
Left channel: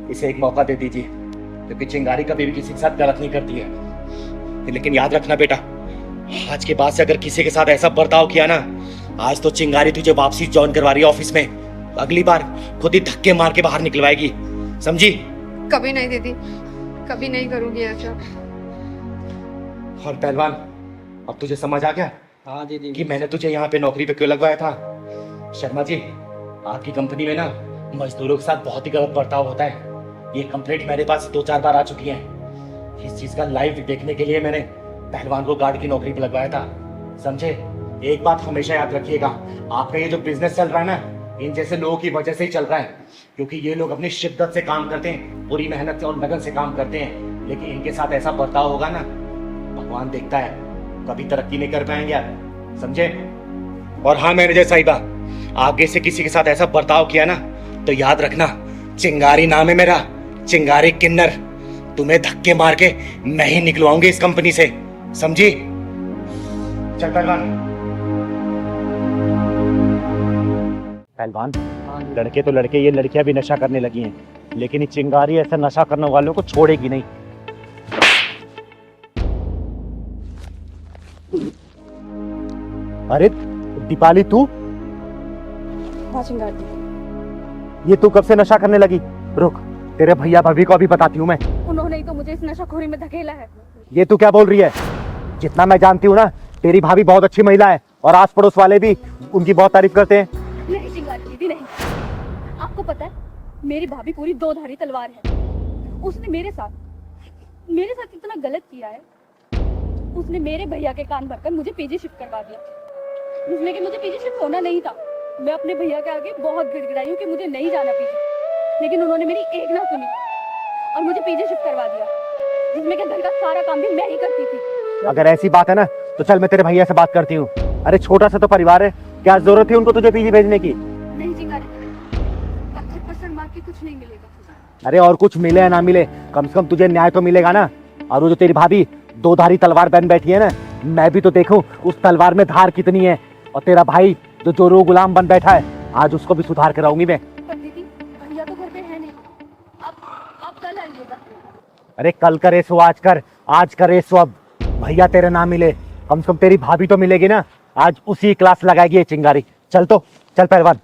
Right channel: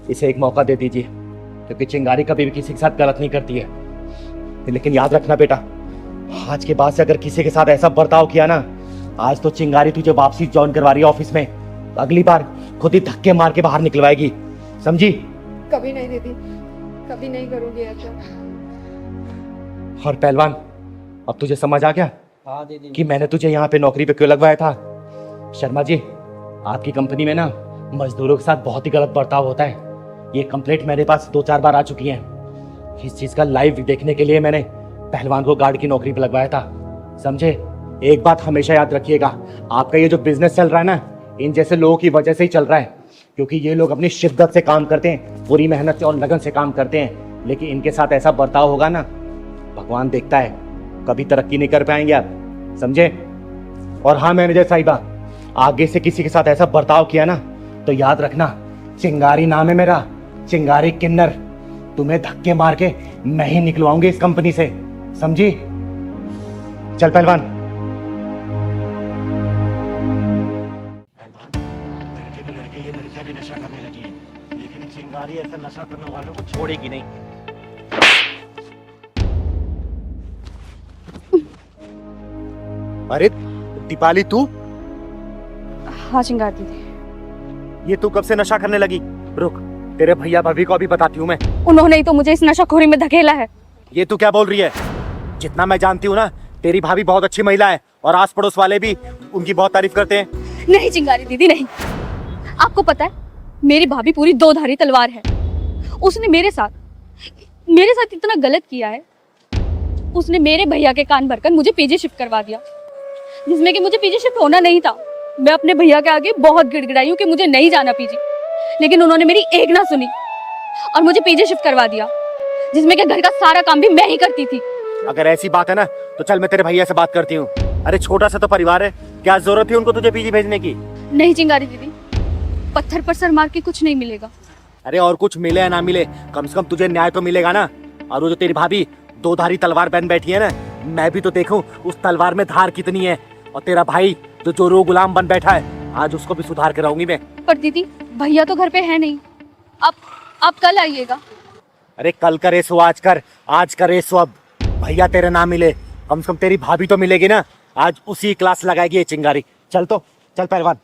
इसे एक मौका दे दीजिए, क्योंकि चिंगारी कभी भी किसी के साथ गलत नहीं करती है। लेकिन याद रखना बेटा, आज के बाद से अगर किसी के साथ ऐसा बर्ताव किया ना, आज तो चिंगारी तुझे वापसी ज्वाइन करवा रही है ऑफिस में, अगली बार खुद ही धक्के मार के बाहर निकलवाएगी, समझी? कभी नहीं दीदी, कभी नहीं करूंगी ऐसा। और पहलवान, अब तुझे समझ आ गया हाँ दीदी कि मैंने तुझे यहाँ पे नौकरी पे क्यों लगवाया था? शर्मा जी, आपकी कंपनी में ना मजदूरों के साथ बहुत ही गलत बर्ताव होता है। ये कंप्लेंट मेरे पास 2-4 बार आ चुकी है। इस चीज का लाइव देखने के लिए मैंने पहलवान को गार्ड की नौकरी पे लगवाया था, समझे? एक बात हमेशा याद रखिएगा, आपका ये जो बिजनेस चल रहा है ना, इन जैसे लोगों की वजह से ही चल रहा है, क्योंकि ये लोग अपनी शिद्दत से काम करते हैं, पूरी मेहनत से और लगन से काम करते हैं, लेकिन इनके साथ ऐसा बर्ताव होगा ना, भगवान देखता है, कभी तरक्की नहीं कर पाएंगे आप, समझे? और हाँ मैनेजर साहिबा, आगे से किसी के साथ ऐसा बर्ताव किया ना, तो याद रखना, चिंगारी नाम है मेरा, चिंगारी किन्नर, तुम्हें धक्के मार के मैं ही निकलवाऊंगी इस कंपनी से, समझी? चल पहलवान। पहलवान, लड़के तो लड़के, ये लड़कियां भी नशा करने लगी हैं, लेकिन ये चिंगारी ऐसा नशा करने वालों को छोड़ेगी नहीं। अरे दीपाली, तू? हाँ चिंगारी दीदी। ये तू कब से नशा करने लगी? रुक, तेरे भैया भाभी को अभी बताती हूँ मैं। उन्होंने ही तो मुझे इस नशाखोरी में धकेला है। ये तू क्या बोल रही है? जितना मैं जानती हूँ ना, तेरी भाभी बहुत अच्छी महिला है और आस पड़ोस वाले भी उनकी बहुत तारीफ करते हैं। नहीं चिंगारी दीदी नहीं। आपको पता है मेरी भाभी पूरी दो धारी तलवार है। उसने मेरे साथ इतना गलत किया है। उसने मेरे भैया के कान भरकर मुझे पीजी शिफ्ट करवा दिया, जिसमें कि मुझे पीजी शिफ्ट होना नहीं था। मैं अपने भैया के आगे बहुत गिड़गिड़ाई हूँ कि मुझे नहीं जाना पीजी, लेकिन उन्होंने मेरी एक ना सुनी और मुझे पीजी शिफ्ट करवा दिया, जिसमें कि घर का सारा काम भी मैं ही करती थी। अगर ऐसी बात है ना तो चल मैं तेरे भैया से बात करती हूँ। अरे छोटा सा तो परिवार है, क्या जरूरत थी उनको तुझे पीजी भेजने की? नहीं चिंगारी दीदी, पत्थर पर सर मार के कुछ नहीं मिलेगा। अरे और कुछ मिले या ना मिले, कम से कम तुझे न्याय तो मिलेगा ना। और वो जो तेरी भाभी दो धारी तलवार बहन बैठी है ना, मैं भी तो देखूं उस तलवार में धार कितनी है। और तेरा भाई जो चोरों गुलाम बन बैठा है, आज उसको भी सुधार कराऊंगी मैं। पर दीदी भैया तो घर पे है नहीं, आप कल आइएगा। अरे कल करे सो आज कर, आज करे सो अब। भैया तेरे ना मिले, कम से कम तेरी भाभी तो मिलेगी ना। आज उसी क्लास लगाएगी ये चिंगारी। चल तो चल पहलवान।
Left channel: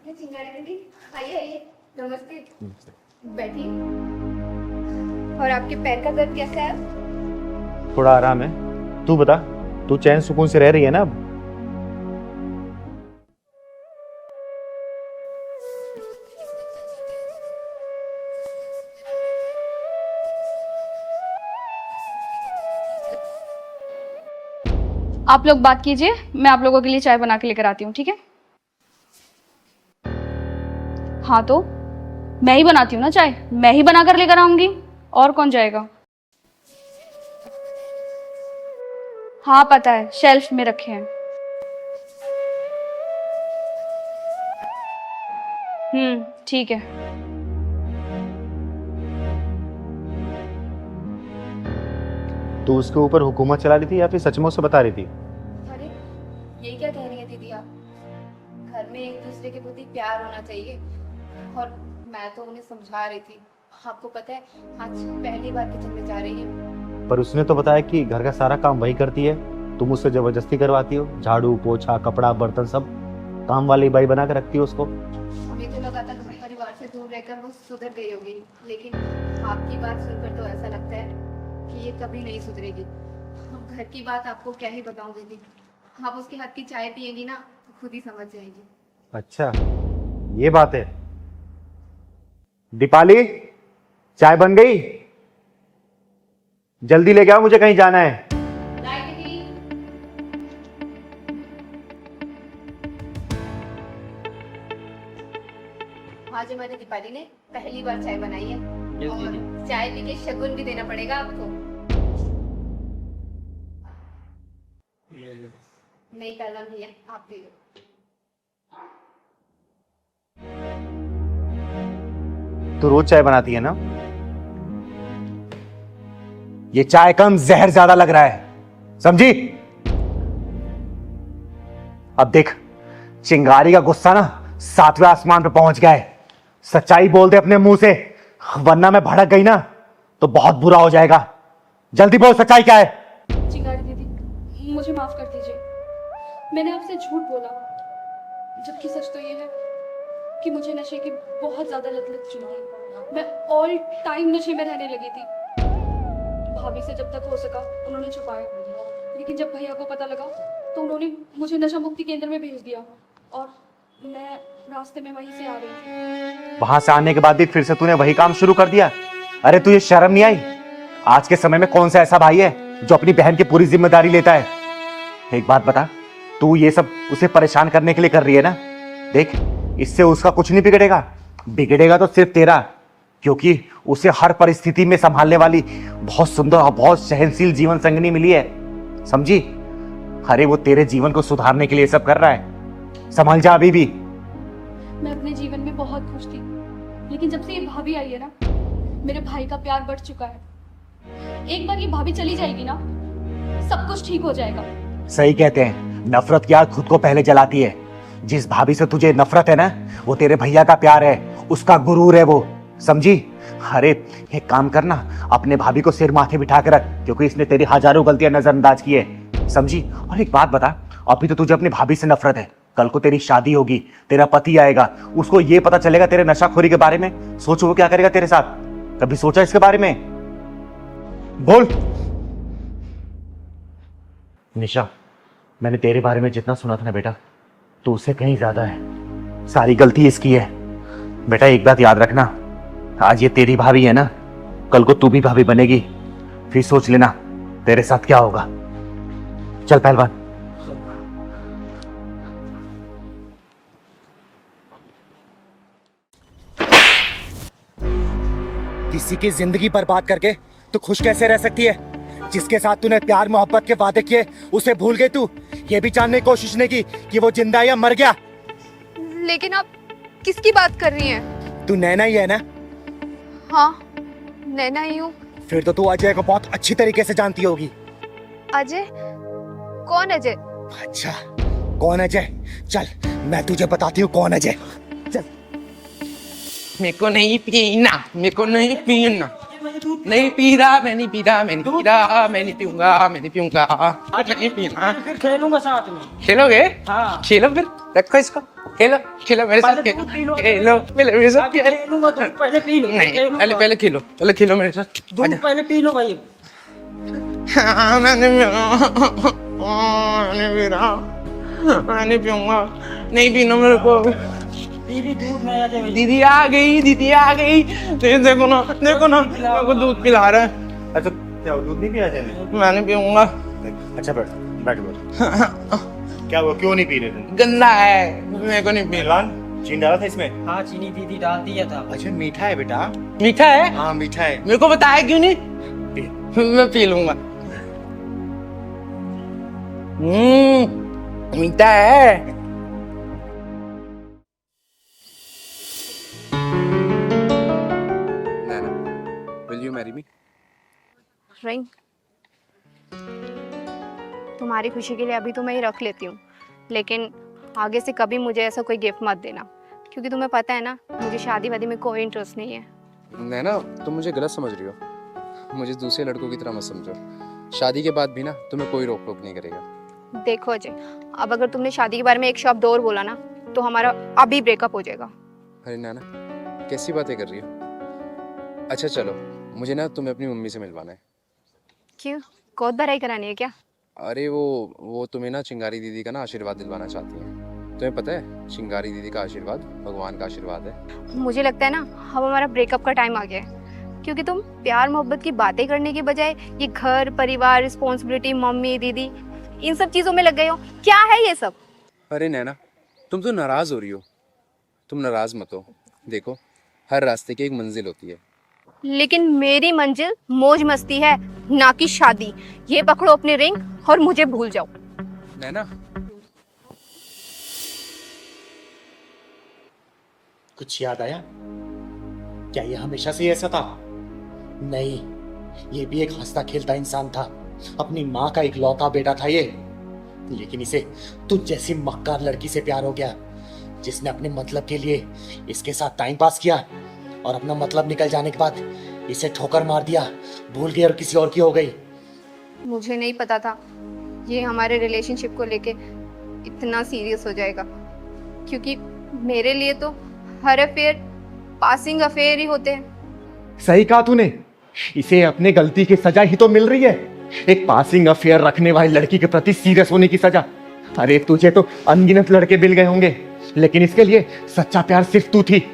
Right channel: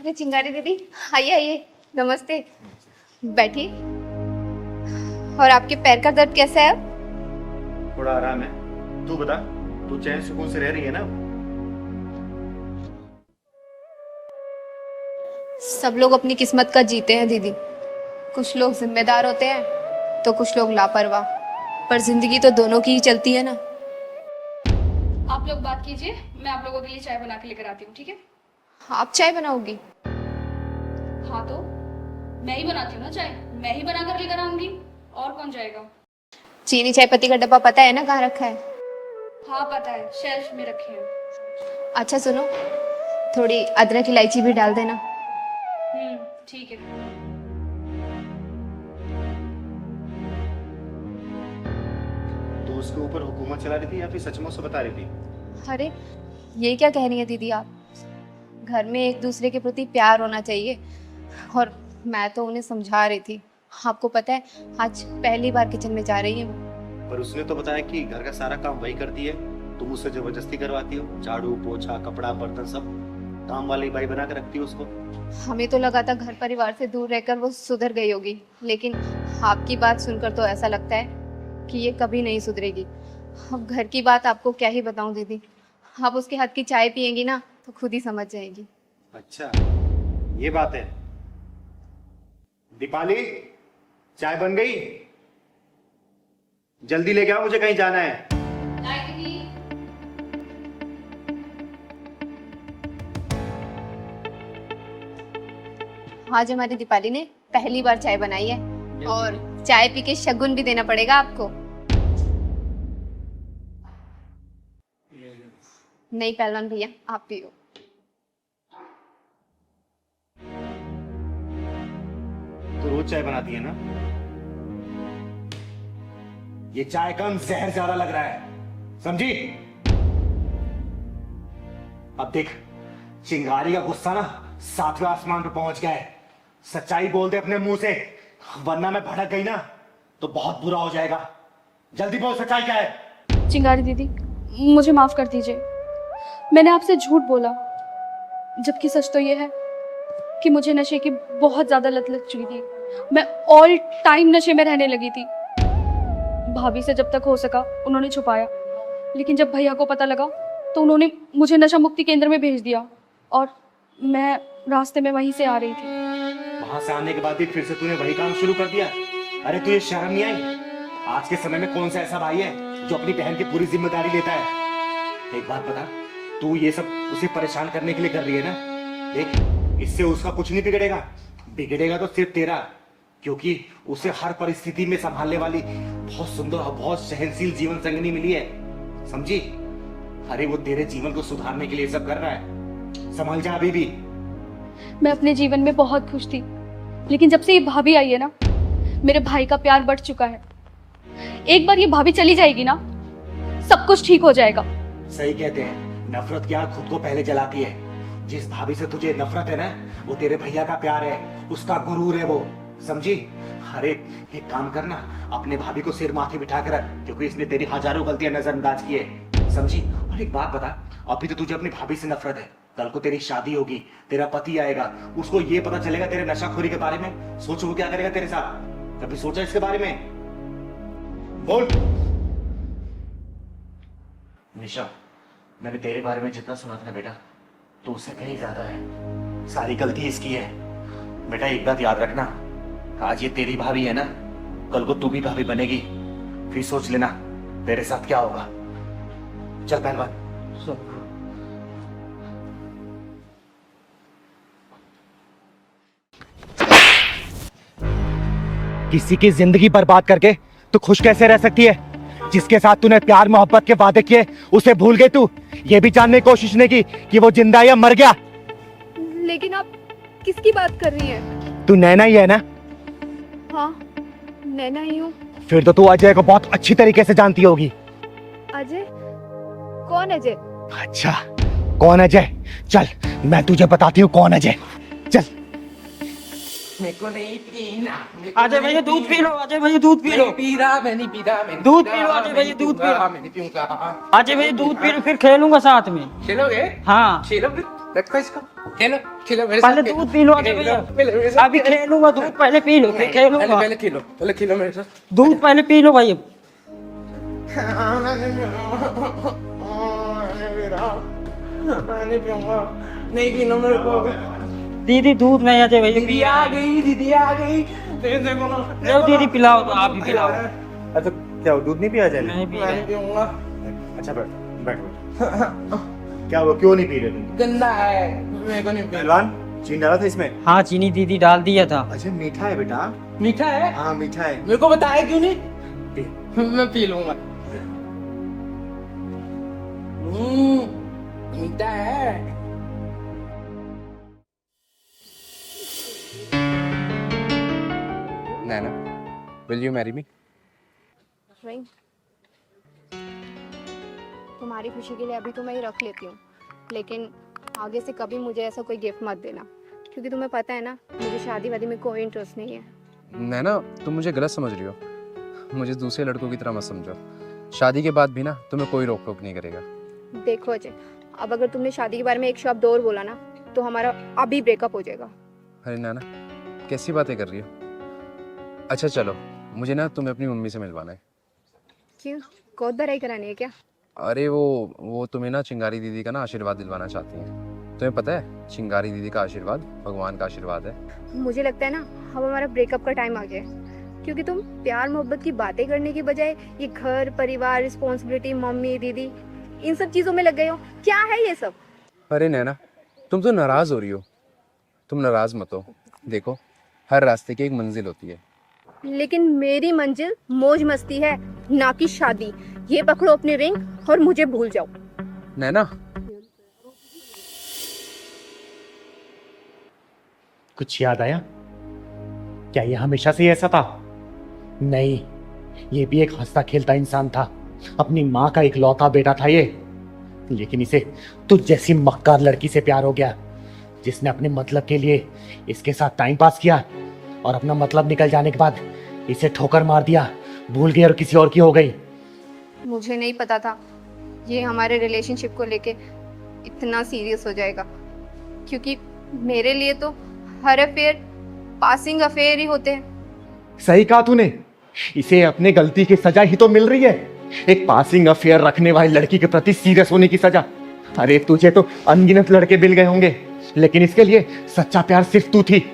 अरे चिंगारी दीदी, आइए आइए, नमस्ते, बैठिए। और आपके पैर का दर्द कैसा है अब? थोड़ा आराम है। तू बता, तू चैन सुकून से रह रही है ना? सब लोग अपनी किस्मत का जीते हैं दीदी। कुछ लोग जिम्मेदार होते हैं तो कुछ लोग लापरवाह, पर जिंदगी तो दोनों की ही चलती है ना। आप लोग बात कीजिए, मैं आप लोगों के लिए चाय बना के लेकर आती हूँ, ठीक है? आप चाय बनाओगी? हाँ तो मैं ही बनाती हूँ ना चाय, मैं ही बना कर लेकर आऊंगी, और कौन जाएगा? चीनी चाय पत्ती का डब्बा पता है ना कहाँ रखा है? हाँ पता है, शेल्फ में रखे हैं। अच्छा सुनो, थोड़ी अदरक इलायची भी डाल देना। ठीक है। तू उसके ऊपर हुकूमत चला रही थी या फिर सचमुच से बता रही थी? अरे ये क्या कह रही है दीदी आप? घर में एक दूसरे के प्रति प्यार होना चाहिए, और मैं तो उन्हें समझा रही थी। आपको पता है आज पहली बार किचन में जा रही है। पर उसने तो बताया कि घर का सारा काम वही करती है, तुम उससे जबरदस्ती करवाती हो। झाड़ू पोछा कपड़ा बर्तन सब काम वाली बाई बना के रखती हो उसको। हमें तो लगा था घर परिवार से दूर रहकर वो सुधर गई होगी, लेकिन आपकी बात सुनकर तो ऐसा लगता है कि ये कभी नहीं सुधरेगी। अब घर की बात आपको क्या ही बताऊं दीदी, आप उसके हाथ की चाय पियेंगी ना तो खुद ही समझ जाएगी। अच्छा ये बात है। दीपाली, चाय बन गई? जल्दी लेके आओ, मुझे कहीं जाना है। आज हमारी दीपाली ने पहली बार चाय बनाई है, और चाय पी के शगुन भी देना पड़ेगा आपको। नहीं पहलवान भैया, आप पियो। तू रोज चाय बनाती है ना? ये चाय कम जहर ज्यादा लग रहा है, समझी? अब देख, चिंगारी का गुस्सा ना 7वें आसमान पे पहुंच गया है। सच्चाई बोल दे अपने मुंह से, वरना मैं भड़क गई ना तो बहुत बुरा हो जाएगा। जल्दी बोल, सच्चाई क्या है? चिंगारी दीदी मुझे माफ कर दीजिए, मैंने आपसे झूठ बोला, जबकि सच तो ये है कि मुझे नशे की बहुत ज्यादा लत लग चुकी थी। मैं ऑल टाइम नशे में रहने लगी थी। भाभी से जब तक हो सका उन्होंने छुपाया, लेकिन जब भैया को पता लगा तो उन्होंने मुझे नशा मुक्ति केंद्र में भेज दिया, और मैं रास्ते में वहीं से आ रही थी। वहां से आने के बाद भी फिर से तूने वही काम शुरू कर दिया? अरे तुझे शर्म नहीं आई? आज के समय में कौन सा ऐसा भाई है जो अपनी बहन की पूरी जिम्मेदारी लेता है? एक बात बता, तू ये सब उसे परेशान करने के लिए कर रही है ना? देख, इससे उसका कुछ नहीं बिगड़ेगा, बिगड़ेगा तो सिर्फ तेरा। क्योंकि उसे हर परिस्थिति में संभालने वाली बहुत सुंदर और बहुत सहनशील जीवन संगनी मिली है, समझी? अरे वो तेरे जीवन को सुधारने के लिए सब कर रहा है, संभल जा अभी भी। मैं अपने जीवन में बहुत खुश थी, लेकिन जब से ये भाभी आई है ना, मेरे भाई का प्यार बढ़ चुका है। एक बार ये भाभी चली जाएगी ना, सब कुछ ठीक हो जाएगा। सही कहते हैं, नफरत की आग खुद को पहले जलाती है। जिस भाभी से तुझे नफरत है ना, वो तेरे भैया का प्यार है, उसका गुरूर है वो, समझी? अरे एक काम करना, अपने भाभी को सिर माथे बिठा कर रख, क्योंकि इसने तेरी हजारों गलतियां नजरअंदाज की है, समझी? और एक बात बता, अभी तो तुझे अपनी भाभी से नफरत है, कल को तेरी शादी होगी, तेरा पति आएगा, उसको ये पता चलेगा तेरे नशाखोरी के बारे में, सोचो वो क्या करेगा तेरे साथ? कभी सोचा इसके बारे में? बोल। निशा, मैंने तेरे बारे में जितना सुना था ना बेटा, तो उससे कहीं ज्यादा है। सारी गलती इसकी है। बेटा एक बात याद रखना, आज ये तेरी भाभी है ना, कल को तू भी भाभी बनेगी, फिर सोच लेना तेरे साथ क्या होगा। चल पहलवान। किसी की जिंदगी बर्बाद करके तू खुश कैसे रह सकती है? जिसके साथ तूने प्यार मोहब्बत के वादे किए, उसे भूल गई तू? ये भी जानने की कोशिश नहीं की कि वो जिंदा है या मर गया? लेकिन आप किसकी बात कर रही हैं? तू नैना ही है ना? हाँ, नैना ही हूँ। फिर तो तू अजय को बहुत अच्छी तरीके से जानती होगी। अजय? कौन अजय? अच्छा, कौन अजय? चल मैं तुझे बताती हूँ कौन अजय। चल। मेरे को नहीं पीना, मेरे को अजय नहीं भैया दूध पी पीना, लो, अजय भैया दूध पी लो। नहीं पी रहा, मैं नहीं पी रहा, मैं नहीं दूध पी रहा, पी लो, मैं नहीं दूध पीऊंगा, मैं नहीं पीऊंगा। अजय भैया दूध पी लो, फिर खेलूंगा साथ में। खेलोगे? हाँ। खेलो फिर, रखो इसको, खेलो खेलो मेरे साथ, पहले दूध पी लो, खेलो मेरे साथ, अभी खेलूंगा, दूध पहले पी लो, नहीं, खेलूंगा। पहले पहले खेलो, पहले खेलो मेरे साथ, दूध पहले पी लो भाई। मैंने पीऊंगा, नहीं पीना मेरे को। दीदी दूध नहीं, अजय भैया दीदी आ गई, दीदी आ गई, देखो ना, देखो ना, दीदी पिलाओ, मेरे को दूध पिला रहा है। अच्छा क्या वो दूध नहीं पिया जाए? मैं नहीं पीऊंगा, अच्छा बैठ बैठ। क्या हुआ, क्यों नहीं पी रहे थे? गंदा है, मेरे को नहीं पीना। पहलवान, चीनी डाला था इसमें? हाँ, चीनी दीदी डाल दिया था। अच्छा मीठा है बेटा? मीठा है? हाँ मीठा है। मेरे को बताया क्यों नहीं? मैं पी लूंगा। मीठा है। Nana, will you marry me? Ring, तुम्हारी खुशी के लिए अभी तो मैं ये रख लेती हूँ, लेकिन आगे से कभी मुझे ऐसा कोई गिफ्ट मत देना, क्योंकि तुम्हें पता है ना, मुझे शादी वादी में कोई इंटरेस्ट नहीं है। नैना, तुम मुझे गलत समझ रही हो। मुझे दूसरे लड़कों की तरह मत समझो। शादी के बाद भी ना तुम्हें कोई रोक टोक नहीं करेगा। देखो अजय, अब अगर तुमने शादी के बारे में एक शब्द और बोला ना, तो हमारा अभी ब्रेकअप हो जाएगा। अरे नैना, कैसी बातें कर रही हो? अच्छा चलो, मुझे ना तुम्हें अपनी मम्मी से मिलवाना है। क्यों, बहुत बड़ाई करानी है क्या? अरे वो तुम्हें ना चिंगारी दीदी का ना आशीर्वाद दिलवाना चाहती हैं। तुम्हें पता है, चिंगारी दीदी का आशीर्वाद भगवान का आशीर्वाद है। मुझे लगता है ना, अब हमारा ब्रेकअप का टाइम आ गया है, क्योंकि तुम प्यार मोहब्बत की बातें करने के बजाय ये घर परिवार, रिस्पॉन्सिबिलिटी, मम्मी दीदी, इन सब चीजों में लग गए हो। क्या है ये सब? अरे नैना, तुम तो नाराज हो रही हो। तुम नाराज मत हो। देखो, हर रास्ते की एक मंजिल होती है। लेकिन मेरी मंजिल मौज मस्ती है, ना कि शादी। ये पकड़ो अपनी रिंग और मुझे भूल जाओ। नैना, कुछ याद आया? क्या ये हमेशा से ऐसा था? नहीं, ये भी एक हंसता खेलता इंसान था, अपनी माँ का इकलौता बेटा था ये। लेकिन इसे तुझ जैसी मक्कार लड़की से प्यार हो गया, जिसने अपने मतलब के लिए इसके साथ टाइम पास किया और अपना मतलब निकल जाने के बाद इसे ठोकर मार दिया, भूल गई और किसी और की हो गई। मुझे नहीं पता था ये हमारे रिलेशनशिप को लेके इतना सीरियस हो जाएगा, क्योंकि मेरे लिए तो हर अफेयर पासिंग अफेयर ही होते हैं। सही कहा तूने, इसे अपने गलती की सजा ही तो मिल रही है, एक पासिंग अफेयर रखने वाली लड़की के प्रति सीरियस होने की सजा। अरे तुझे तो अनगिनत लड़के मिल गए होंगे, लेकिन इसके लिए सच्चा प्यार सिर्फ तू थी।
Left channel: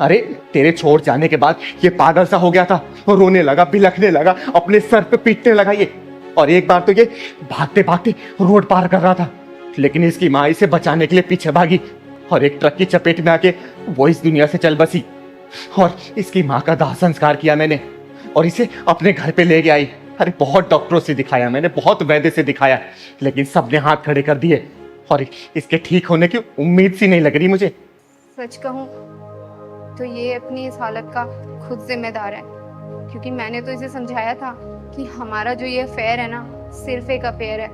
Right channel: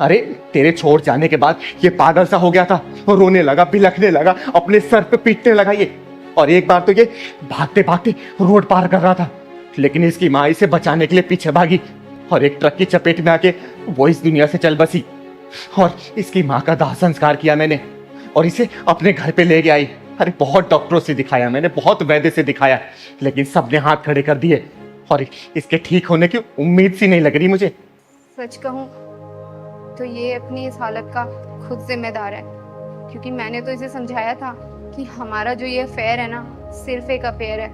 अरे तेरे छोड़ जाने के बाद ये पागल सा हो गया था, रोने लगा, बिलखने लगा, अपने सर पे पीटने लगा ये। और एक बार तो ये भागते भागते रोड पार कर रहा था, लेकिन इसकी माँ इसे बचाने के लिए पीछे भागी और एक ट्रक की चपेट में आके वो इस दुनिया से चल बसी। और इसकी माँ का दाह संस्कार किया मैंने और इसे अपने घर पे ले गया आई। अरे बहुत डॉक्टरों से दिखाया मैंने, बहुत वैद्य से दिखाया, लेकिन सबने हाथ खड़े कर दिए और इसके ठीक होने की उम्मीद सी नहीं लग रही मुझे। सच कहूँ तो ये अपनी इस हालत का खुद जिम्मेदार है, क्योंकि मैंने तो इसे समझाया था कि हमारा जो ये अफेयर है ना सिर्फ एक अफेयर है,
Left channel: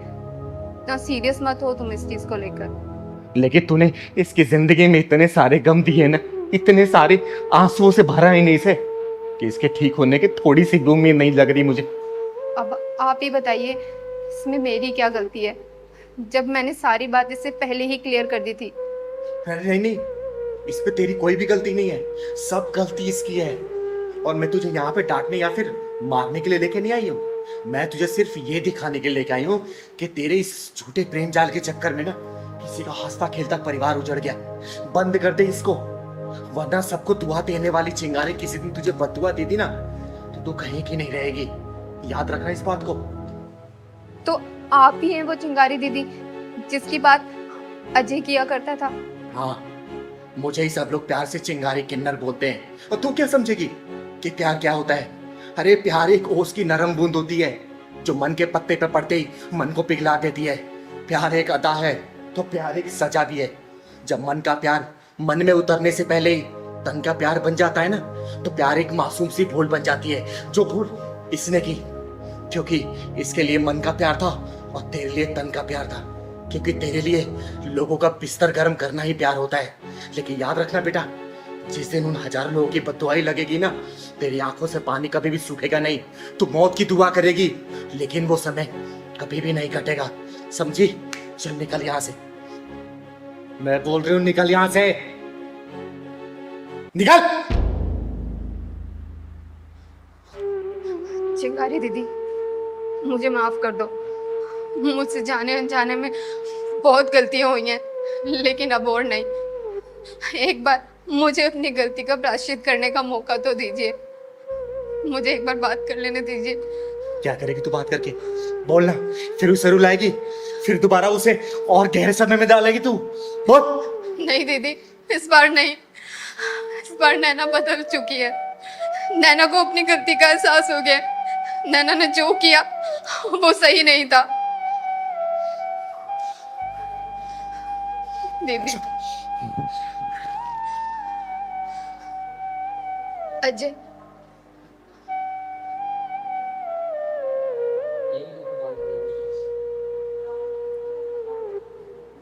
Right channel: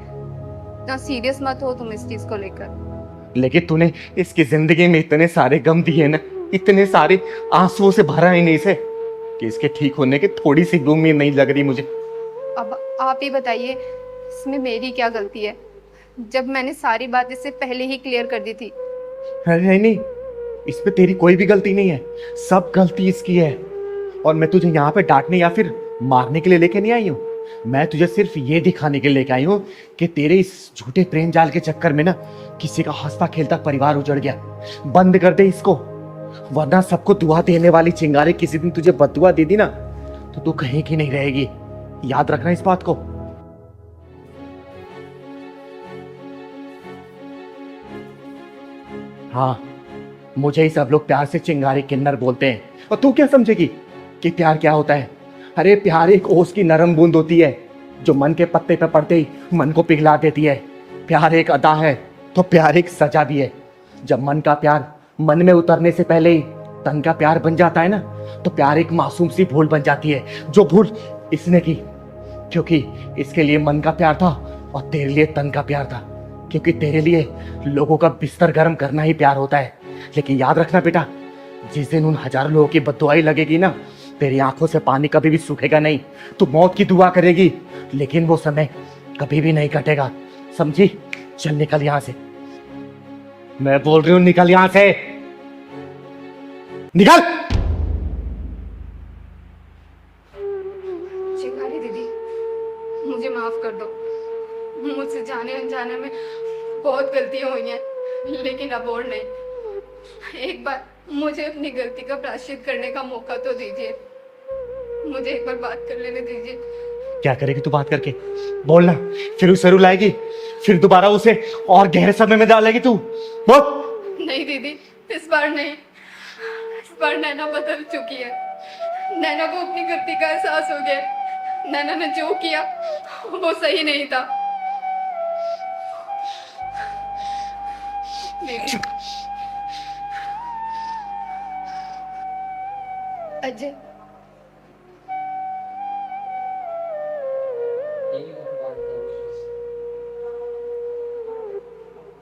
ना सीरियस मत हो तुम इस चीज को लेकर। लेकिन तूने इसकी जिंदगी में इतने सारे गम दिए ना, इतने सारे आंसुओं से भरा ही नहीं इसे कि इसके ठीक होने की थोड़ी सी उम्मीद नहीं लग रही मुझे। अब आप ही बताइए इसमें मेरी क्या गलती है, जब मैंने सारी बात इससे पहले ही क्लियर कर दी थी। अरे नहीं, इसमें तेरी कोई भी गलती नहीं है, सब गलती इसकी है। और मैं तुझे यहाँ पे डांटने या फिर मारने के लिए लेके नहीं आई हूँ, मैं तुझे सिर्फ ये दिखाने के लिए लेके आई हूँ कि तेरे इस झूठे प्रेम जाल के चक्कर में ना किसी का हंसता खेलता परिवार उजड़ गया। बंद कर दे इसको, वरना सबको दुआ देने वाली चिंगारी किसी दिन तुझे बददुआ दे दी ना तो तू कहीं की नहीं रहेगी। याद रखना इस बात को। तो आप ही हैं वो चिंगारी दीदी जिसकी बात अजय किया करता था? हाँ, मुझे ही सब लोग प्यार से चिंगारी किन्नर बोलते हैं। और तू क्या समझेगी कि प्यार क्या होता है? अरे प्यार एक ओस की नरम बूंद होती है जो मन के पत्ते पे पड़ते ही मन को पिघला देती है। प्यार एक अदा है तो प्यार एक सजा भी है। जब मन का प्यार मन में उतरने से पहले ही तन का प्यार बन जाता है ना, तो प्यार एक मासूम सी भूल बन जाती है, जो भूल इसने की, क्योंकि इसके लिए मन का प्यार था और तेरे लिए तन का प्यार था, क्योंकि तेरे लिए लोगों का बिस्तर गर्म करना ही प्यार होता है। लेकिन याद रखना बेटा, जिस दिन उन हजारों लोगों की बद्दुआई लगेगी ना, तेरी आंखों से पानी कभी भी सूखेगा नहीं। तू मौत की दुआ करेगी लेकिन वो समय कभी भी नहीं कटेगा, समझी? चल निकल यहां से, मैं बोल रही हूं निकल यहां से, निकल। चिंगारी दीदी मुझे माफ कर दो, मुझसे जाने अनजाने में बहुत गलतियां हुई हैं, लेकिन अब और नहीं। एक बार मुझे अपनी गलती का प्रायश्चित करने का मौका तो दीजिए, मुझे एक बार बात कर लेने दीजिए। क्या करेगी तू बात करके? बोलना, फिर उसे रुलाएगी, फिर दोबारा उसे और गहरे सदमे में डालेगी तू? बोल। नहीं दीदी, इस बार नहीं, इस बार नैना बदल चुकी है। नैना को अपनी गलती का एहसास हो गया। नैना ने जो किया वो सही नहीं था। दीदी, अजय,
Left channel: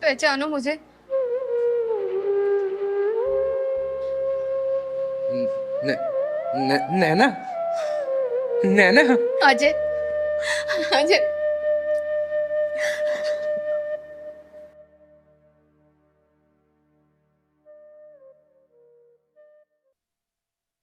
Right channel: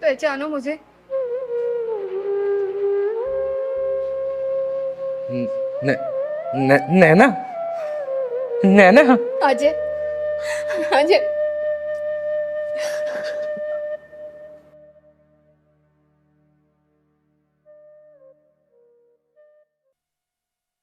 पहचानो मुझे? नैना, नैना। अजय, अजय